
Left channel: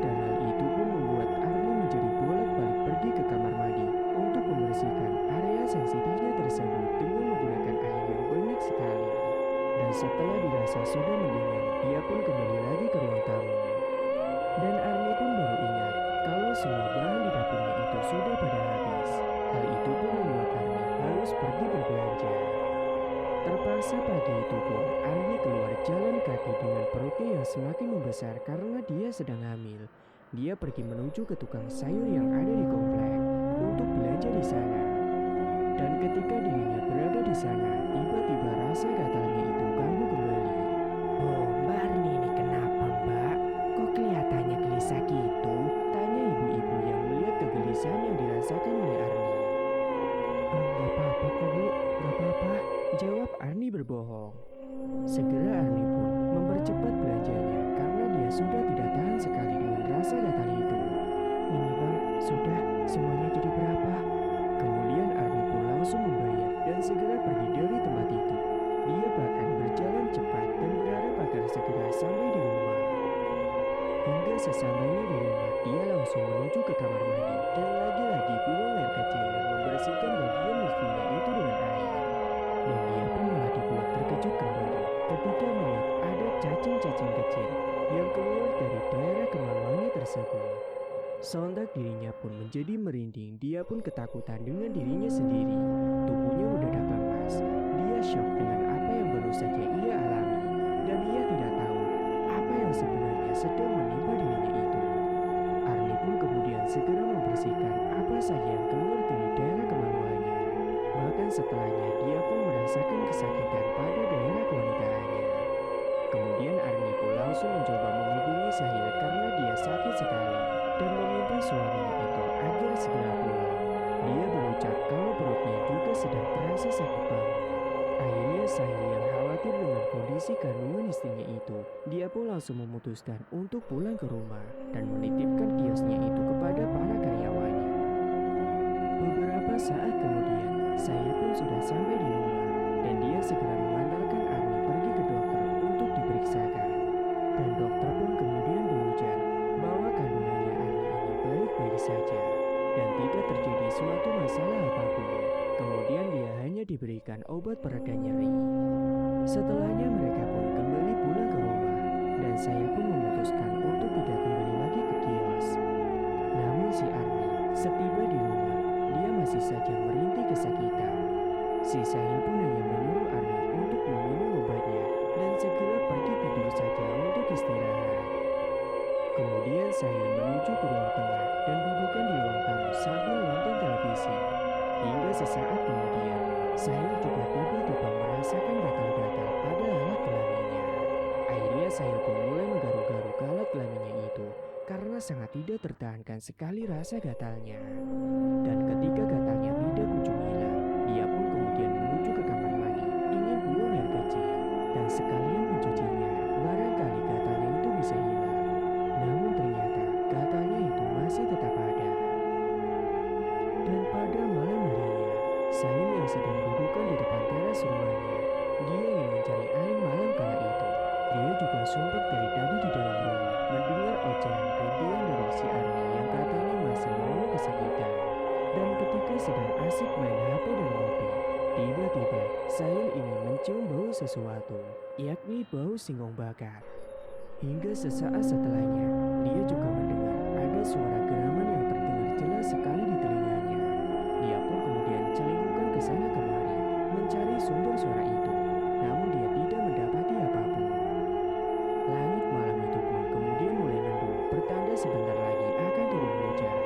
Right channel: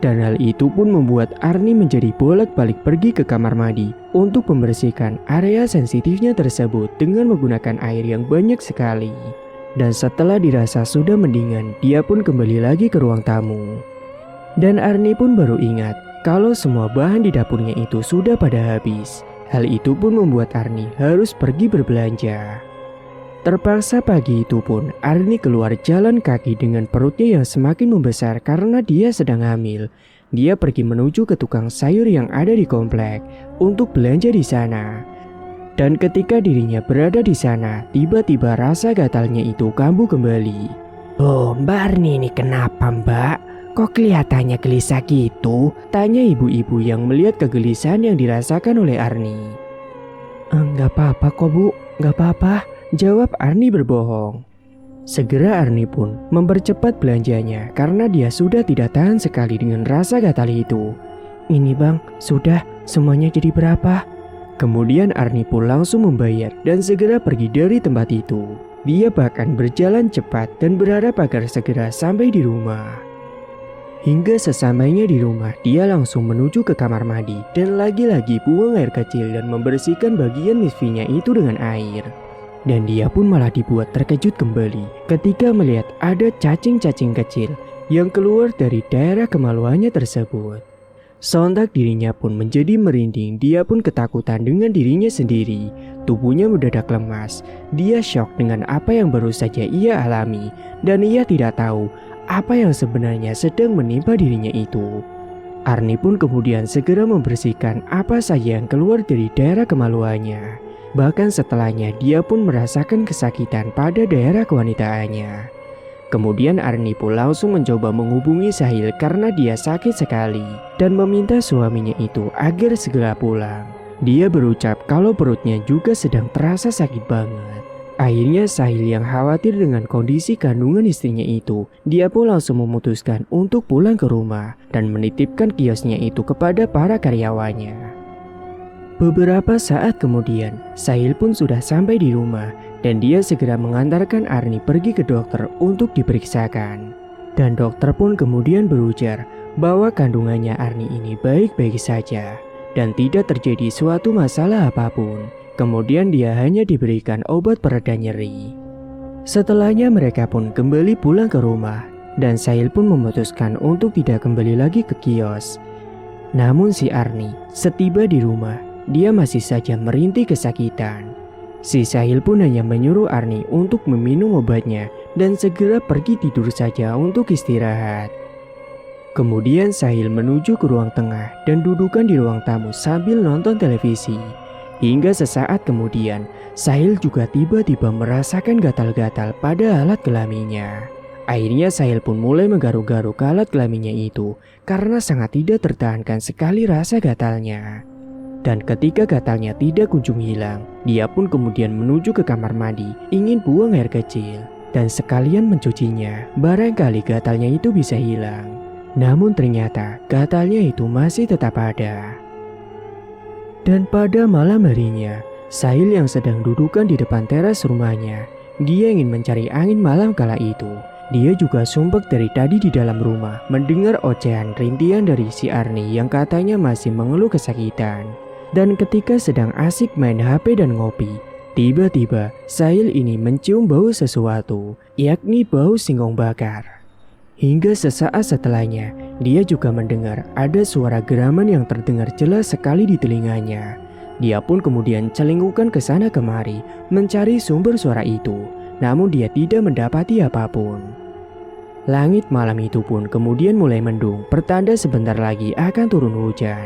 Dan hal itu pun membuat Arni menjadi bolak-balik pergi ke kamar mandi untuk membersihkan area sensitifnya tersebut dengan menggunakan air yang banyak sekali. Dan setelah dirasa sudah mendingan, dia pun kembali lagi ke ruang tamu. Dan Arni pun baru ingat kalau semua bahan di dapurnya itu sudah pada habis. Hal itu pun membuat Arni harus pergi berbelanja. Terpaksa pagi itu pun Arni keluar jalan kaki dengan perutnya yang semakin membesar karena dia sedang hamil. Dia pergi menuju ke tukang sayur yang ada di komplek untuk belanja di sana. Dan ketika dirinya berada di sana, tiba-tiba rasa gatalnya itu kambuh kembali. Oh, Mbak Arni ini kenapa, Mbak? Kok kelihatannya gelisah gitu? Tanya ibu-ibu yang melihat kegelisahan yang dirasakan oleh Arni. Enggak apa-apa kok Bu, enggak apa-apa, jawab Arni berbohong. Segera Arni pun mempercepat belanjanya karena dia sudah tidak tahan sekali dengan rasa gatal itu. Ini Bang, sudah, semuanya jadi berapa? Kemudian Arni pun langsung membayar dan segera pergi dari tempat itu. Dia bahkan berjalan cepat dan berharap agar segera sampai di rumah. Hingga sesampainya di rumah, dia langsung menuju ke kamar mandi dan lagi-lagi buang air kecil dan membersihkan bagian misfinya itu dengan air. Dan dia pun malah dibuat terkejut kembali ketika melihat ada cacing-cacing kecil yang keluar dari daerah kemaluannya tersebut. Sontak dirinya pun menjadi merinding, dia pun ketakutan dengan dirinya sendiri. Tubuhnya mendadak lemas, dia syok dengan apa yang baru saja ia alami. Dan ia tidak tahu apa yang sebenarnya sedang menimpa dirinya itu. Arni pun kemudian segera membersihkan apa saja yang keluar dari daerah kemaluannya. Bahkan setelahnya dia pun merasakan kesakitan pada daerah kewanitaannya. Kemudian Arni pun langsung mencoba menghubungi Sahil karena dia sakit sekali dan meminta suaminya itu agar segera pulang. Dia berucap kalau perutnya juga sedang terasa sakit banget. Akhirnya Sahil yang khawatir dengan kondisi kandungan istrinya itu, dia pun langsung memutuskan untuk pulang ke rumah dan menitipkan kiosnya itu kepada para karyawannya. Beberapa saat kemudian, Sahil pun sudah sampai di rumah. Dan dia segera mengantarkan Arni pergi ke dokter untuk diperiksakan. Dan dokter pun kemudian berujar bahwa kandungannya Arni ini baik-baik saja dan tidak terjadi suatu masalah apapun. Kemudian dia hanya diberikan obat pereda nyeri. Setelahnya mereka pun kembali pulang ke rumah dan Sahil pun memutuskan untuk tidak kembali lagi ke kios. Namun si Arni setiba di rumah, dia masih saja merintih kesakitan. Si Sahil pun hanya menyuruh Arni untuk meminum obatnya dan segera pergi tidur saja untuk istirahat. Kemudian Sahil menuju ke ruang tengah dan dudukan di ruang tamu sambil nonton televisi. Hingga sesaat kemudian, Sahil juga tiba-tiba merasakan gatal-gatal pada alat kelaminnya. Akhirnya Sahil pun mulai menggaruk-garuk ke alat kelaminnya itu karena sangat tidak tertahankan sekali rasa gatalnya. Dan ketika gatalnya tidak kunjung hilang, dia pun kemudian menuju ke kamar mandi, ingin buang air kecil dan sekalian mencucinya, barangkali gatalnya itu bisa hilang. Namun ternyata gatalnya itu masih tetap ada. Dan pada malam harinya, Sahil yang sedang dudukan di depan teras rumahnya, dia ingin mencari angin malam kala itu. Dia juga sumpek dari tadi di dalam rumah, mendengar ocehan rintihan dari si Arni yang katanya masih mengeluh kesakitan. Dan ketika sedang asik main HP dan ngopi, tiba-tiba Sahil ini mencium bau sesuatu, yakni bau singkong bakar. Hingga sesaat setelahnya, dia juga mendengar ada suara geraman yang terdengar jelas sekali di telinganya. Dia pun kemudian celingkukan ke sana kemari mencari sumber suara itu, namun dia tidak mendapati apapun. Langit malam itu pun kemudian mulai mendung, pertanda sebentar lagi akan turun hujan.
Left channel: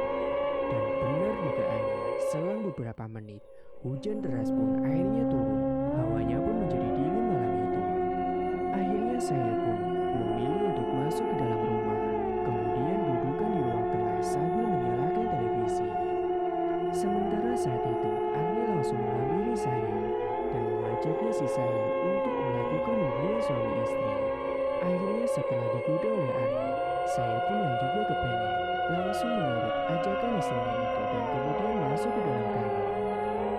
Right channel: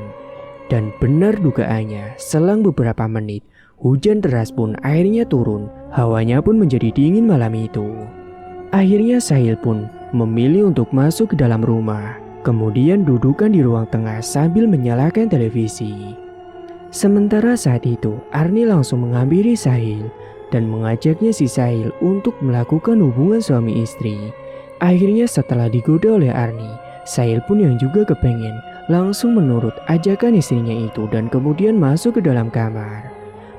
Dan benar dugaannya, selang beberapa menit, hujan deras pun akhirnya turun, hawanya pun menjadi dingin malam itu. Akhirnya Sahil pun memilih untuk masuk ke dalam rumah. kemudian dudukkan di ruang tengah sambil menyalakan televisi. Sementara saat itu, Arni langsung menghampiri Sahil dan mengajaknya si Sahil untuk melakukan hubungan suami istri. Akhirnya setelah digoda oleh Arni, Sahil pun yang juga kepengen langsung menurut ajakan istrinya itu dan kemudian masuk ke dalam kamar.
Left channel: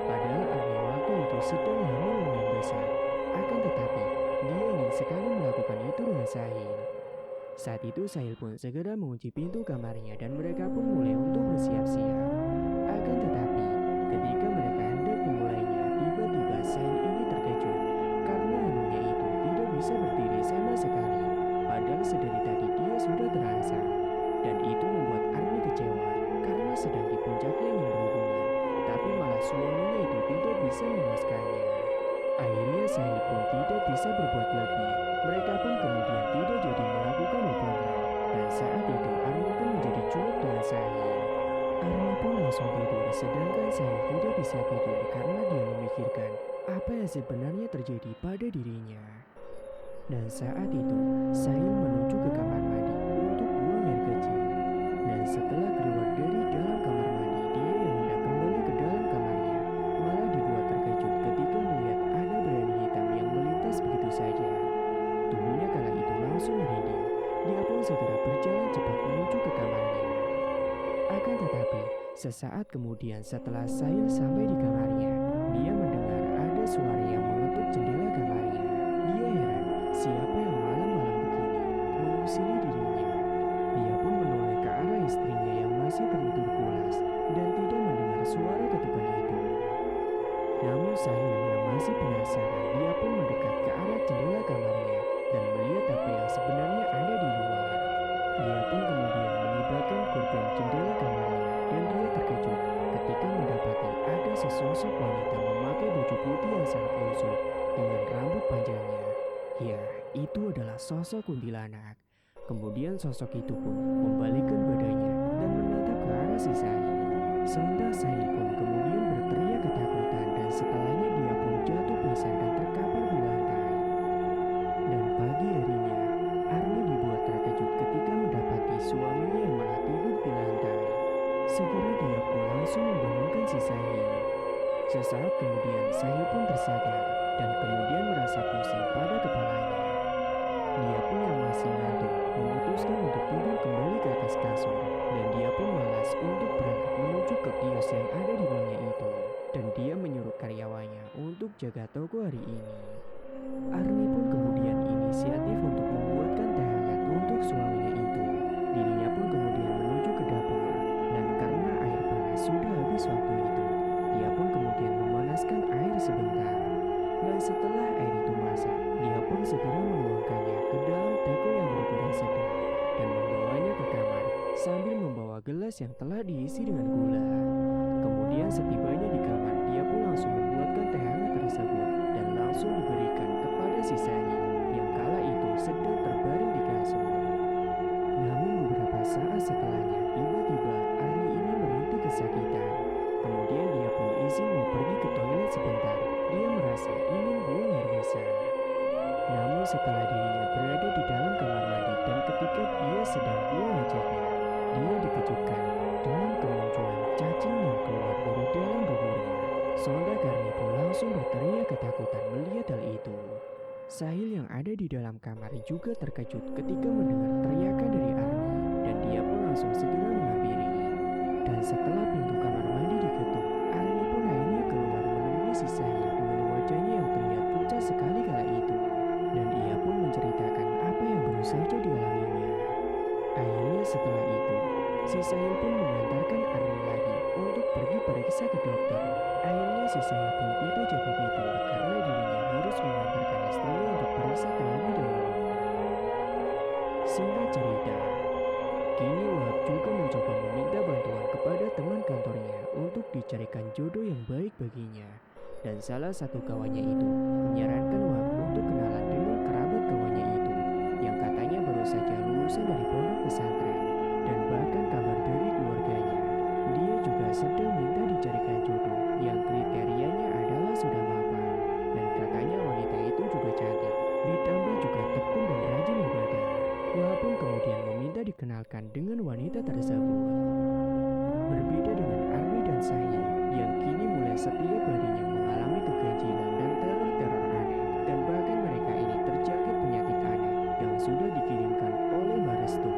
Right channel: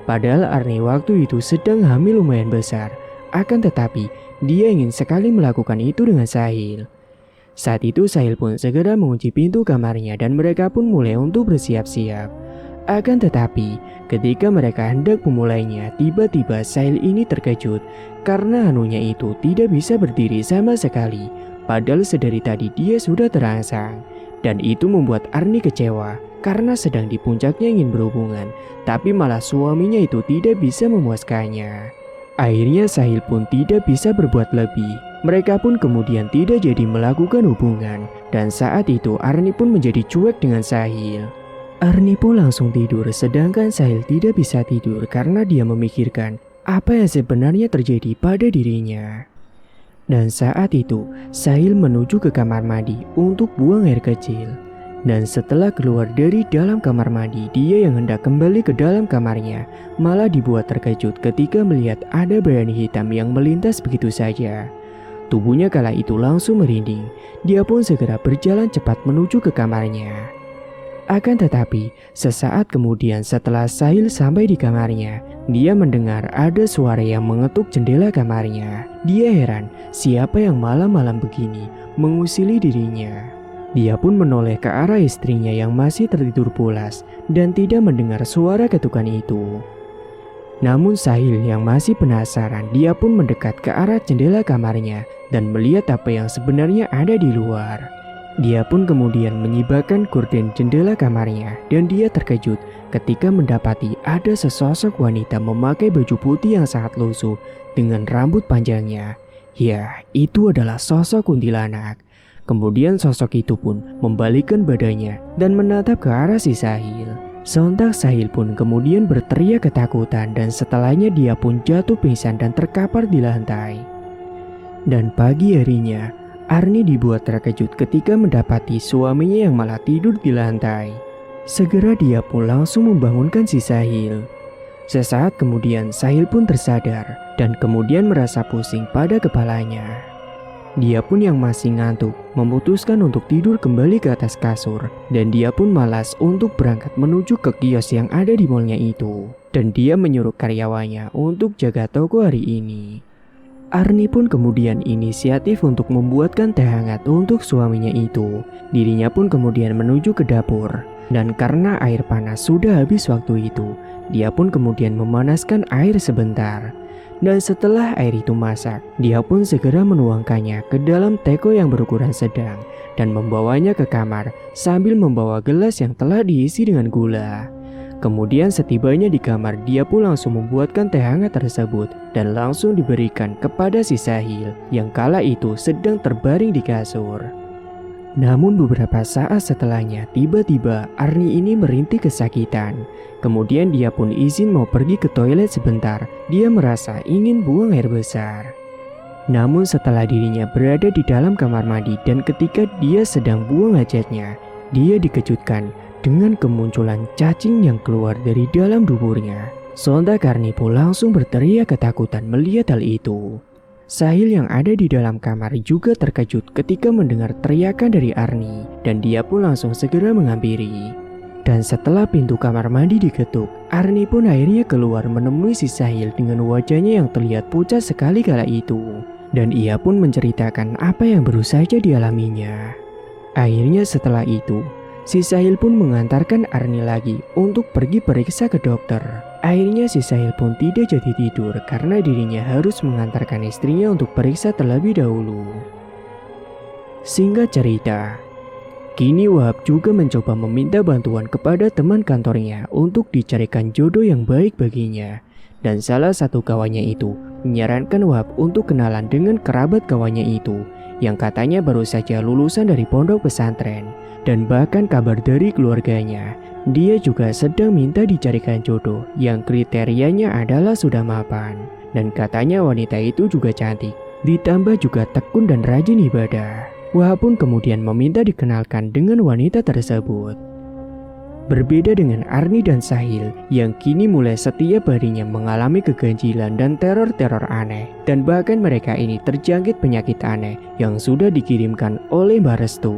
Padahal Arni waktu itu sedang hamil lumayan besar, akan tetapi dia ingin sekali melakukan itu dengan Sahil. Saat itu Sahil pun segera mengunci pintu kamarnya dan mereka pun mulai untuk bersiap-siap. Akan tetapi ketika mereka hendak memulainya, tiba-tiba Sahil ini terkejut karena anunya itu tidak bisa berdiri sama sekali. Padahal sedari tadi dia sudah terangsang. Dan itu membuat Arni kecewa karena sedang di puncaknya ingin berhubungan, tapi malah suaminya itu tidak bisa memuaskannya. Akhirnya Sahil pun tidak bisa berbuat lebih. Mereka pun kemudian tidak jadi melakukan hubungan. Dan saat itu Arni pun menjadi cuek dengan Sahil. Arni pun langsung tidur sedangkan Sahil tidak bisa tidur karena dia memikirkan apa yang sebenarnya terjadi pada dirinya. Dan saat itu, Sahil menuju ke kamar mandi untuk buang air kecil. Dan setelah keluar dari dalam kamar mandi, dia yang hendak kembali ke dalam kamarnya malah dibuat terkejut ketika melihat ada bayangan hitam yang melintas begitu saja. Tubuhnya kala itu langsung merinding. Dia pun segera berjalan cepat menuju ke kamarnya. Akan tetapi, sesaat kemudian setelah Sahil sampai di kamarnya, dia mendengar ada suara yang mengetuk jendela kamarnya. Dia heran, siapa yang malam-malam begini mengusili dirinya. Dia pun menoleh ke arah istrinya yang masih tertidur pulas dan tidak mendengar suara ketukan itu. Namun Sahil yang masih penasaran, dia pun mendekat ke arah jendela kamarnya dan melihat apa yang sebenarnya ada di luar. Dia pun kemudian menyibakkan gorden jendela kamarnya dan dia terkejut ketika mendapati ada sesosok wanita memakai baju putih yang sangat lusuh dengan rambut panjangnya. Ya, itu adalah sosok kuntilanak. Kemudian sosok itu pun membalikkan badannya dan menatap ke arah si Sahil. Sontak Sahil pun kemudian berteriak ketakutan dan setelahnya dia pun jatuh pingsan dan terkapar di lantai. Dan pagi harinya, Arni dibuat terkejut ketika mendapati suaminya yang malah tidur di lantai. Segera dia pun langsung membangunkan si Sahil. Sesaat kemudian Sahil pun tersadar dan kemudian merasa pusing pada kepalanya. Dia pun yang masih ngantuk memutuskan untuk tidur kembali ke atas kasur dan dia pun malas untuk berangkat menuju ke kios yang ada di malnya itu. Dan dia menyuruh karyawannya untuk jaga toko hari ini. Arni pun kemudian inisiatif untuk membuatkan teh hangat untuk suaminya itu. Dirinya pun kemudian menuju ke dapur. Dan karena air panas sudah habis waktu itu, dia pun kemudian memanaskan air sebentar. Dan setelah air itu masak, dia pun segera menuangkannya ke dalam teko yang berukuran sedang dan membawanya ke kamar sambil membawa gelas yang telah diisi dengan gula. Kemudian setibanya di kamar, dia pun langsung membuatkan teh hangat tersebut dan langsung diberikan kepada si Sahil yang kala itu sedang terbaring di kasur. Namun beberapa saat setelahnya, tiba-tiba Arni ini merintih kesakitan. Kemudian dia pun izin mau pergi ke toilet sebentar. Dia merasa ingin buang air besar. Namun setelah dirinya berada di dalam kamar mandi dan ketika dia sedang buang hajatnya, dia dikejutkan dengan kemunculan cacing yang keluar dari dalam duburnya. Sontak Arni pun langsung berteriak ketakutan melihat hal itu. Sahil yang ada di dalam kamar juga terkejut ketika mendengar teriakan dari Arni dan dia pun langsung segera menghampiri. Dan setelah pintu kamar mandi diketuk, Arni pun akhirnya keluar menemui si Sahil dengan wajahnya yang terlihat pucat sekali kala itu. Dan ia pun menceritakan apa yang baru saja dialaminya. Akhirnya setelah itu, si Sahil pun mengantarkan Arni lagi untuk pergi periksa ke dokter. Akhirnya si Sahil pun tidak jadi tidur karena dirinya harus mengantarkan istrinya untuk periksa terlebih dahulu. Singkat cerita, kini Wahab juga mencoba meminta bantuan kepada teman kantornya untuk dicarikan jodoh yang baik baginya. Dan salah satu kawannya itu menyarankan Wahab untuk kenalan dengan kerabat kawannya itu yang katanya baru saja lulusan dari pondok pesantren. Dan bahkan kabar dari keluarganya, dia juga sedang minta dicarikan jodoh yang kriterianya adalah sudah mapan. Dan katanya wanita itu juga cantik, ditambah juga tekun dan rajin ibadah. Wah pun kemudian meminta dikenalkan dengan wanita tersebut. Berbeda dengan Arni dan Sahil yang kini mulai setiap harinya mengalami keganjilan dan teror-teror aneh, dan bahkan mereka ini terjangkit penyakit aneh yang sudah dikirimkan oleh Mbak Restu.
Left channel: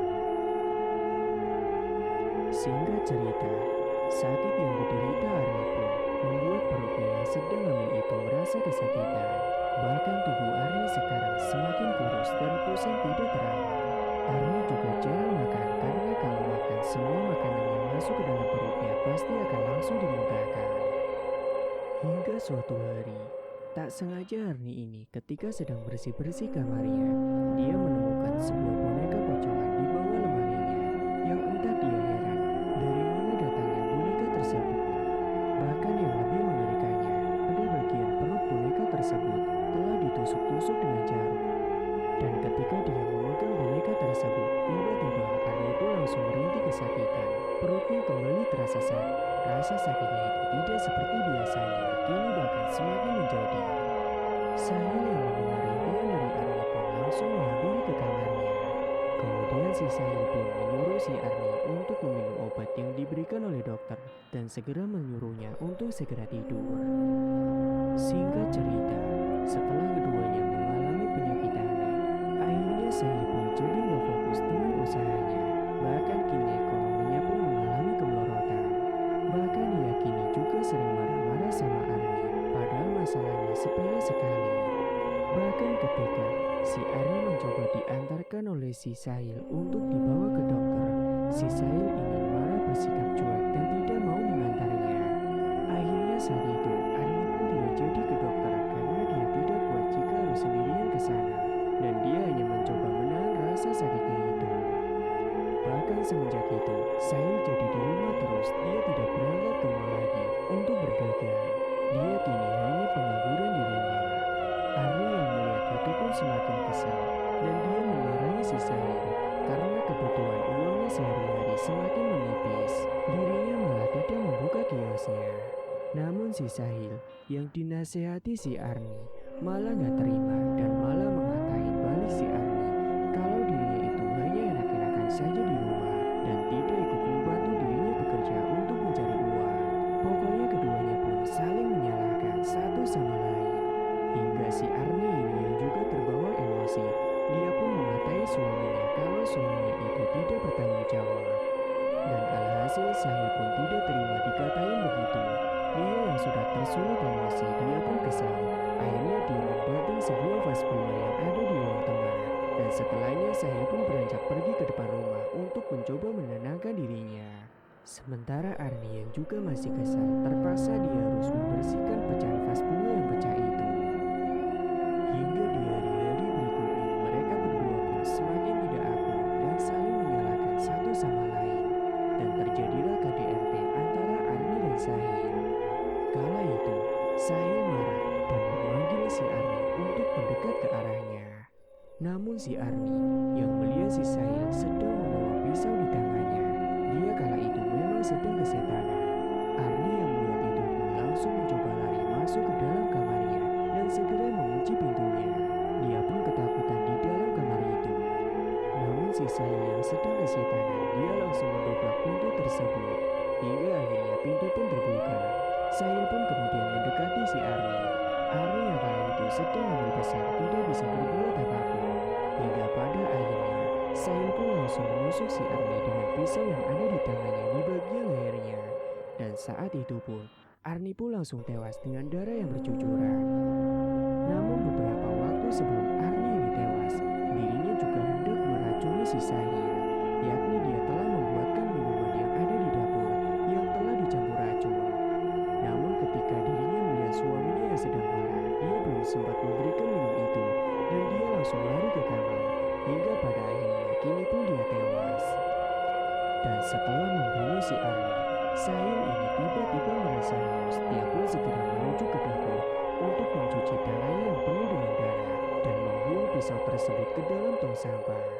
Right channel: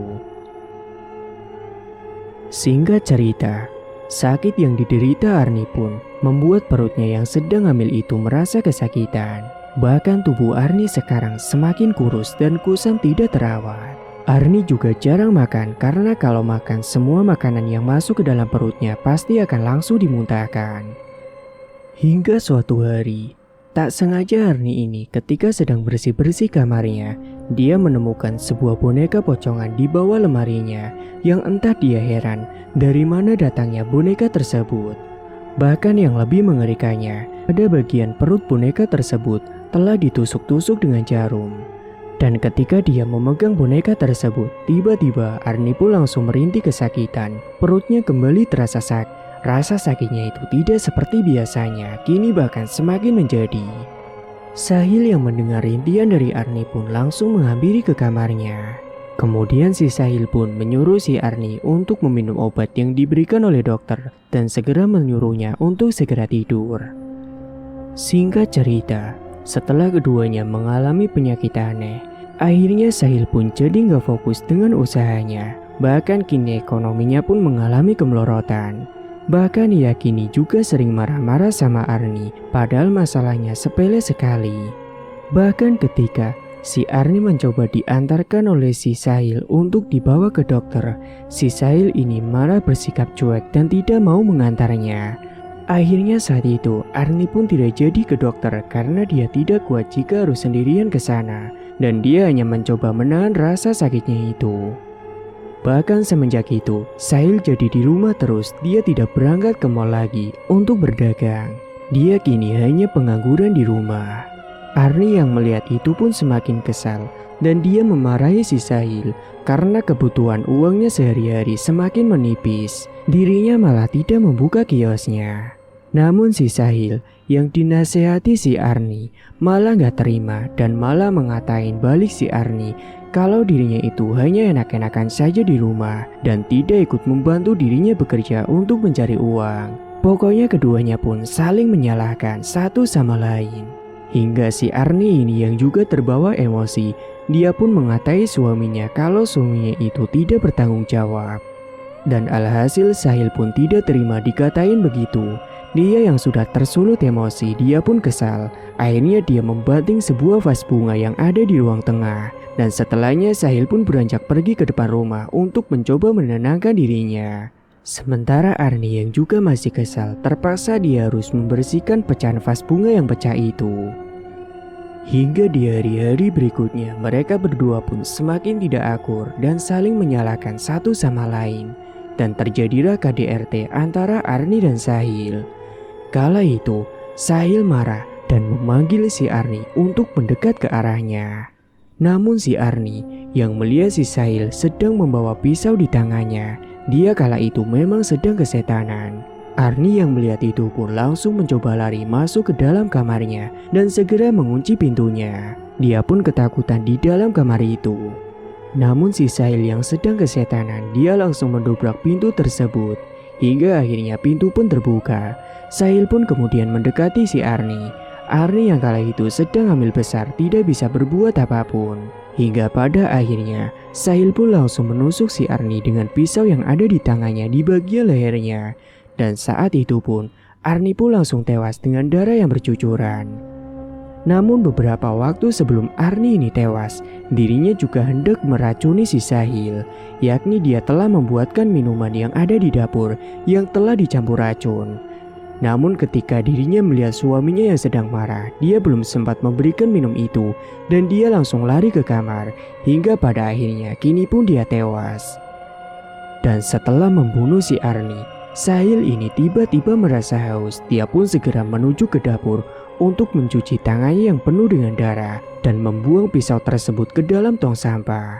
Singkat cerita, sakit yang diderita Arni pun membuat perutnya yang sedang hamil itu merasa kesakitan. Bahkan tubuh Arni sekarang semakin kurus dan kusam tidak terawat. Arni juga jarang makan karena kalau makan semua makanan yang masuk ke dalam perutnya pasti akan langsung dimuntahkan. Hingga suatu hari, tak sengaja Arni ini ketika sedang bersih-bersih kamarnya, dia menemukan sebuah boneka pocongan di bawah lemarinya yang entah dia heran dari mana datangnya boneka tersebut. Bahkan yang lebih mengerikannya, pada bagian perut boneka tersebut telah ditusuk-tusuk dengan jarum. Dan ketika dia memegang boneka tersebut, tiba-tiba Arni pun langsung merintih kesakitan. Perutnya kembali terasa sakit. Rasa sakitnya itu tidak seperti biasanya, kini bahkan semakin menjadi. Sahil yang mendengar rintihan dari Arni pun langsung menghampiri ke kamarnya. Kemudian si Sahil pun menyuruh si Arni untuk meminum obat yang diberikan oleh dokter dan segera menyuruhnya untuk segera tidur. Singkat cerita, setelah keduanya mengalami penyakit aneh, akhirnya Sahil pun jadi gak fokus dengan usahanya. Bahkan kini ekonominya pun mengalami kemelorotan. Bahkan ia kini juga sering marah-marah sama Arni, padahal masalahnya sepele sekali. Bahkan ketika si Arni mencoba diantarkan oleh si Sahil untuk dibawa ke dokter, si Sahil ini malah bersikap cuek dan tidak mau mengantarnya. Akhirnya saat itu Arni pun tidak jadi ke dokter karena dia tidak kuat jika harus sendirian ke sana, dan dia hanya mencoba menahan rasa sakitnya itu. Bahkan semenjak itu, Sahil jadi di rumah terus, dia tidak berangkat ke mall lagi untuk berdagang. Dia kini hanya pengangguran di rumah. Arni yang melihat itu pun semakin kesal dan dia memarahi si Sahil karena kebutuhan uangnya sehari-hari semakin menipis. Dirinya malah tidak membuka kiosnya. Namun si Sahil yang dinasehati si Arni malah gak terima dan malah mengatain balik si Arni kalau dirinya itu hanya enak-enakan saja di rumah dan tidak ikut membantu dirinya bekerja untuk mencari uang. Pokoknya keduanya pun saling menyalahkan satu sama lain. Hingga si Arni ini yang juga terbawa emosi, dia pun mengatai suaminya kalau suaminya itu tidak bertanggung jawab. Dan alhasil Sahil pun tidak terima dikatain begitu. Dia yang sudah tersulut emosi, dia pun kesal. Akhirnya dia membanting sebuah vas bunga yang ada di ruang tengah. Dan setelahnya Sahil pun beranjak pergi ke depan rumah untuk mencoba menenangkan dirinya. Sementara Arni yang juga masih kesal, terpaksa dia harus membersihkan pecahan vas bunga yang pecah itu. Hingga di hari-hari berikutnya, mereka berdua pun semakin tidak akur dan saling menyalahkan satu sama lain. Dan terjadilah KDRT antara Arni dan Sahil. Kala itu, Sahil marah dan memanggil si Arni untuk mendekat ke arahnya. Namun si Arni yang melihat si Sahil sedang membawa pisau di tangannya, dia kala itu memang sedang kesetanan. Arni yang melihat itu pun langsung mencoba lari masuk ke dalam kamarnya dan segera mengunci pintunya. Dia pun ketakutan di dalam kamar itu. Namun si Sahil yang sedang kesetanan, dia langsung mendobrak pintu tersebut. Hingga akhirnya pintu pun terbuka. Sahil pun kemudian mendekati si Arni. Arni yang kala itu sedang hamil besar tidak bisa berbuat apapun. Hingga pada akhirnya Sahil pun langsung menusuk si Arni dengan pisau yang ada di tangannya di bagian lehernya. Dan saat itu pun Arni pun langsung tewas dengan darah yang bercucuran. Namun beberapa waktu sebelum Arni ini tewas, dirinya juga hendak meracuni si Sahil. Yakni dia telah membuatkan minuman yang ada di dapur yang telah dicampur racun. Namun ketika dirinya melihat suaminya yang sedang marah, dia belum sempat memberikan minum itu dan dia langsung lari ke kamar. Hingga pada akhirnya kini pun dia tewas. Dan setelah membunuh si Arni, Sahil ini tiba-tiba merasa haus. Dia pun segera menuju ke dapur untuk mencuci tangannya yang penuh dengan darah dan membuang pisau tersebut ke dalam tong sampah.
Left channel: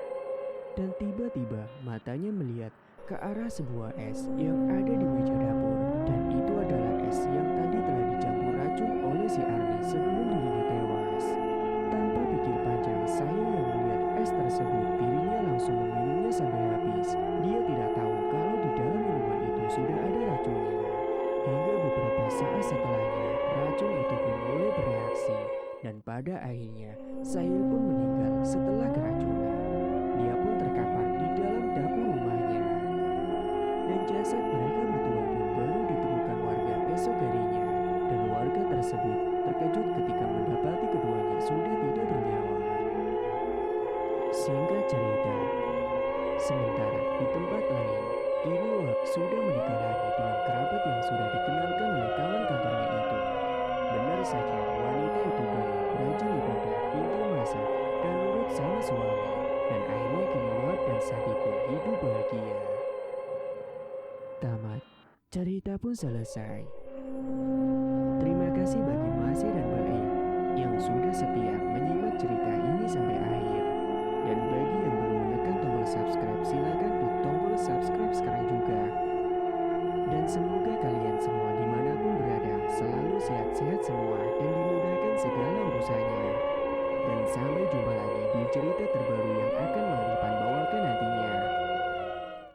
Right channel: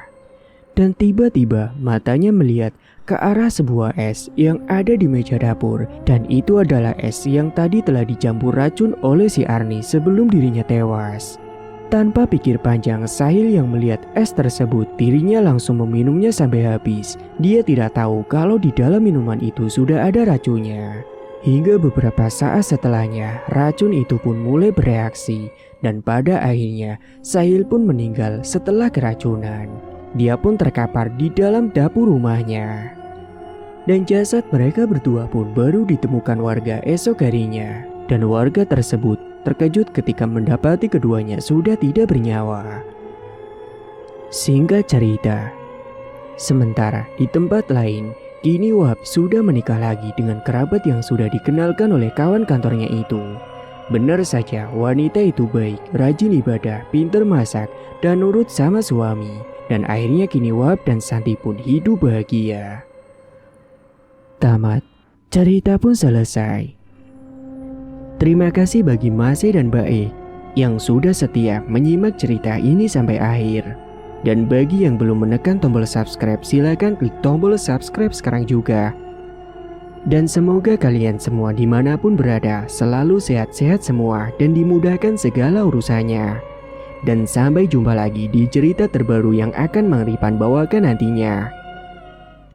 Dan tiba-tiba matanya melihat ke arah sebuah es yang ada di meja dapur, dan itu adalah es yang tadi telah dicampur racun oleh si Arni sebelum dirinya tewas. Tanpa pikir panjang, Sahil yang melihat es tersebut, dirinya langsung meminumnya sampai habis. Dia tidak tahu kalau di dalam minuman itu sudah ada racunnya. Hingga beberapa saat setelahnya, racun itu pun mulai bereaksi. Dan pada akhirnya, Sahil pun meninggal setelah keracunan. Dia pun terkapar di dalam dapur rumahnya. Dan jasad mereka berdua pun baru ditemukan warga esok harinya. Dan warga tersebut terkejut ketika mendapati keduanya sudah tidak bernyawa. Singkat cerita, sementara di tempat lain, kini Wahab sudah menikah lagi dengan kerabat yang sudah dikenalkan oleh kawan kantornya itu. Benar saja, wanita itu baik, rajin ibadah, pintar masak, dan nurut sama suami. Dan akhirnya kini Wahab dan Santi pun hidup bahagia. Tamat, cerita pun selesai. Terima kasih bagi Mas E dan Mbak E yang sudah setia menyimak cerita ini sampai akhir. Dan bagi yang belum menekan tombol subscribe, silakan klik tombol subscribe sekarang juga. Dan semoga kalian semua dimanapun berada selalu sehat-sehat semua dan dimudahkan segala urusannya. Dan sampai jumpa lagi di cerita terbaru yang akan Mang Ripan bawakan nantinya.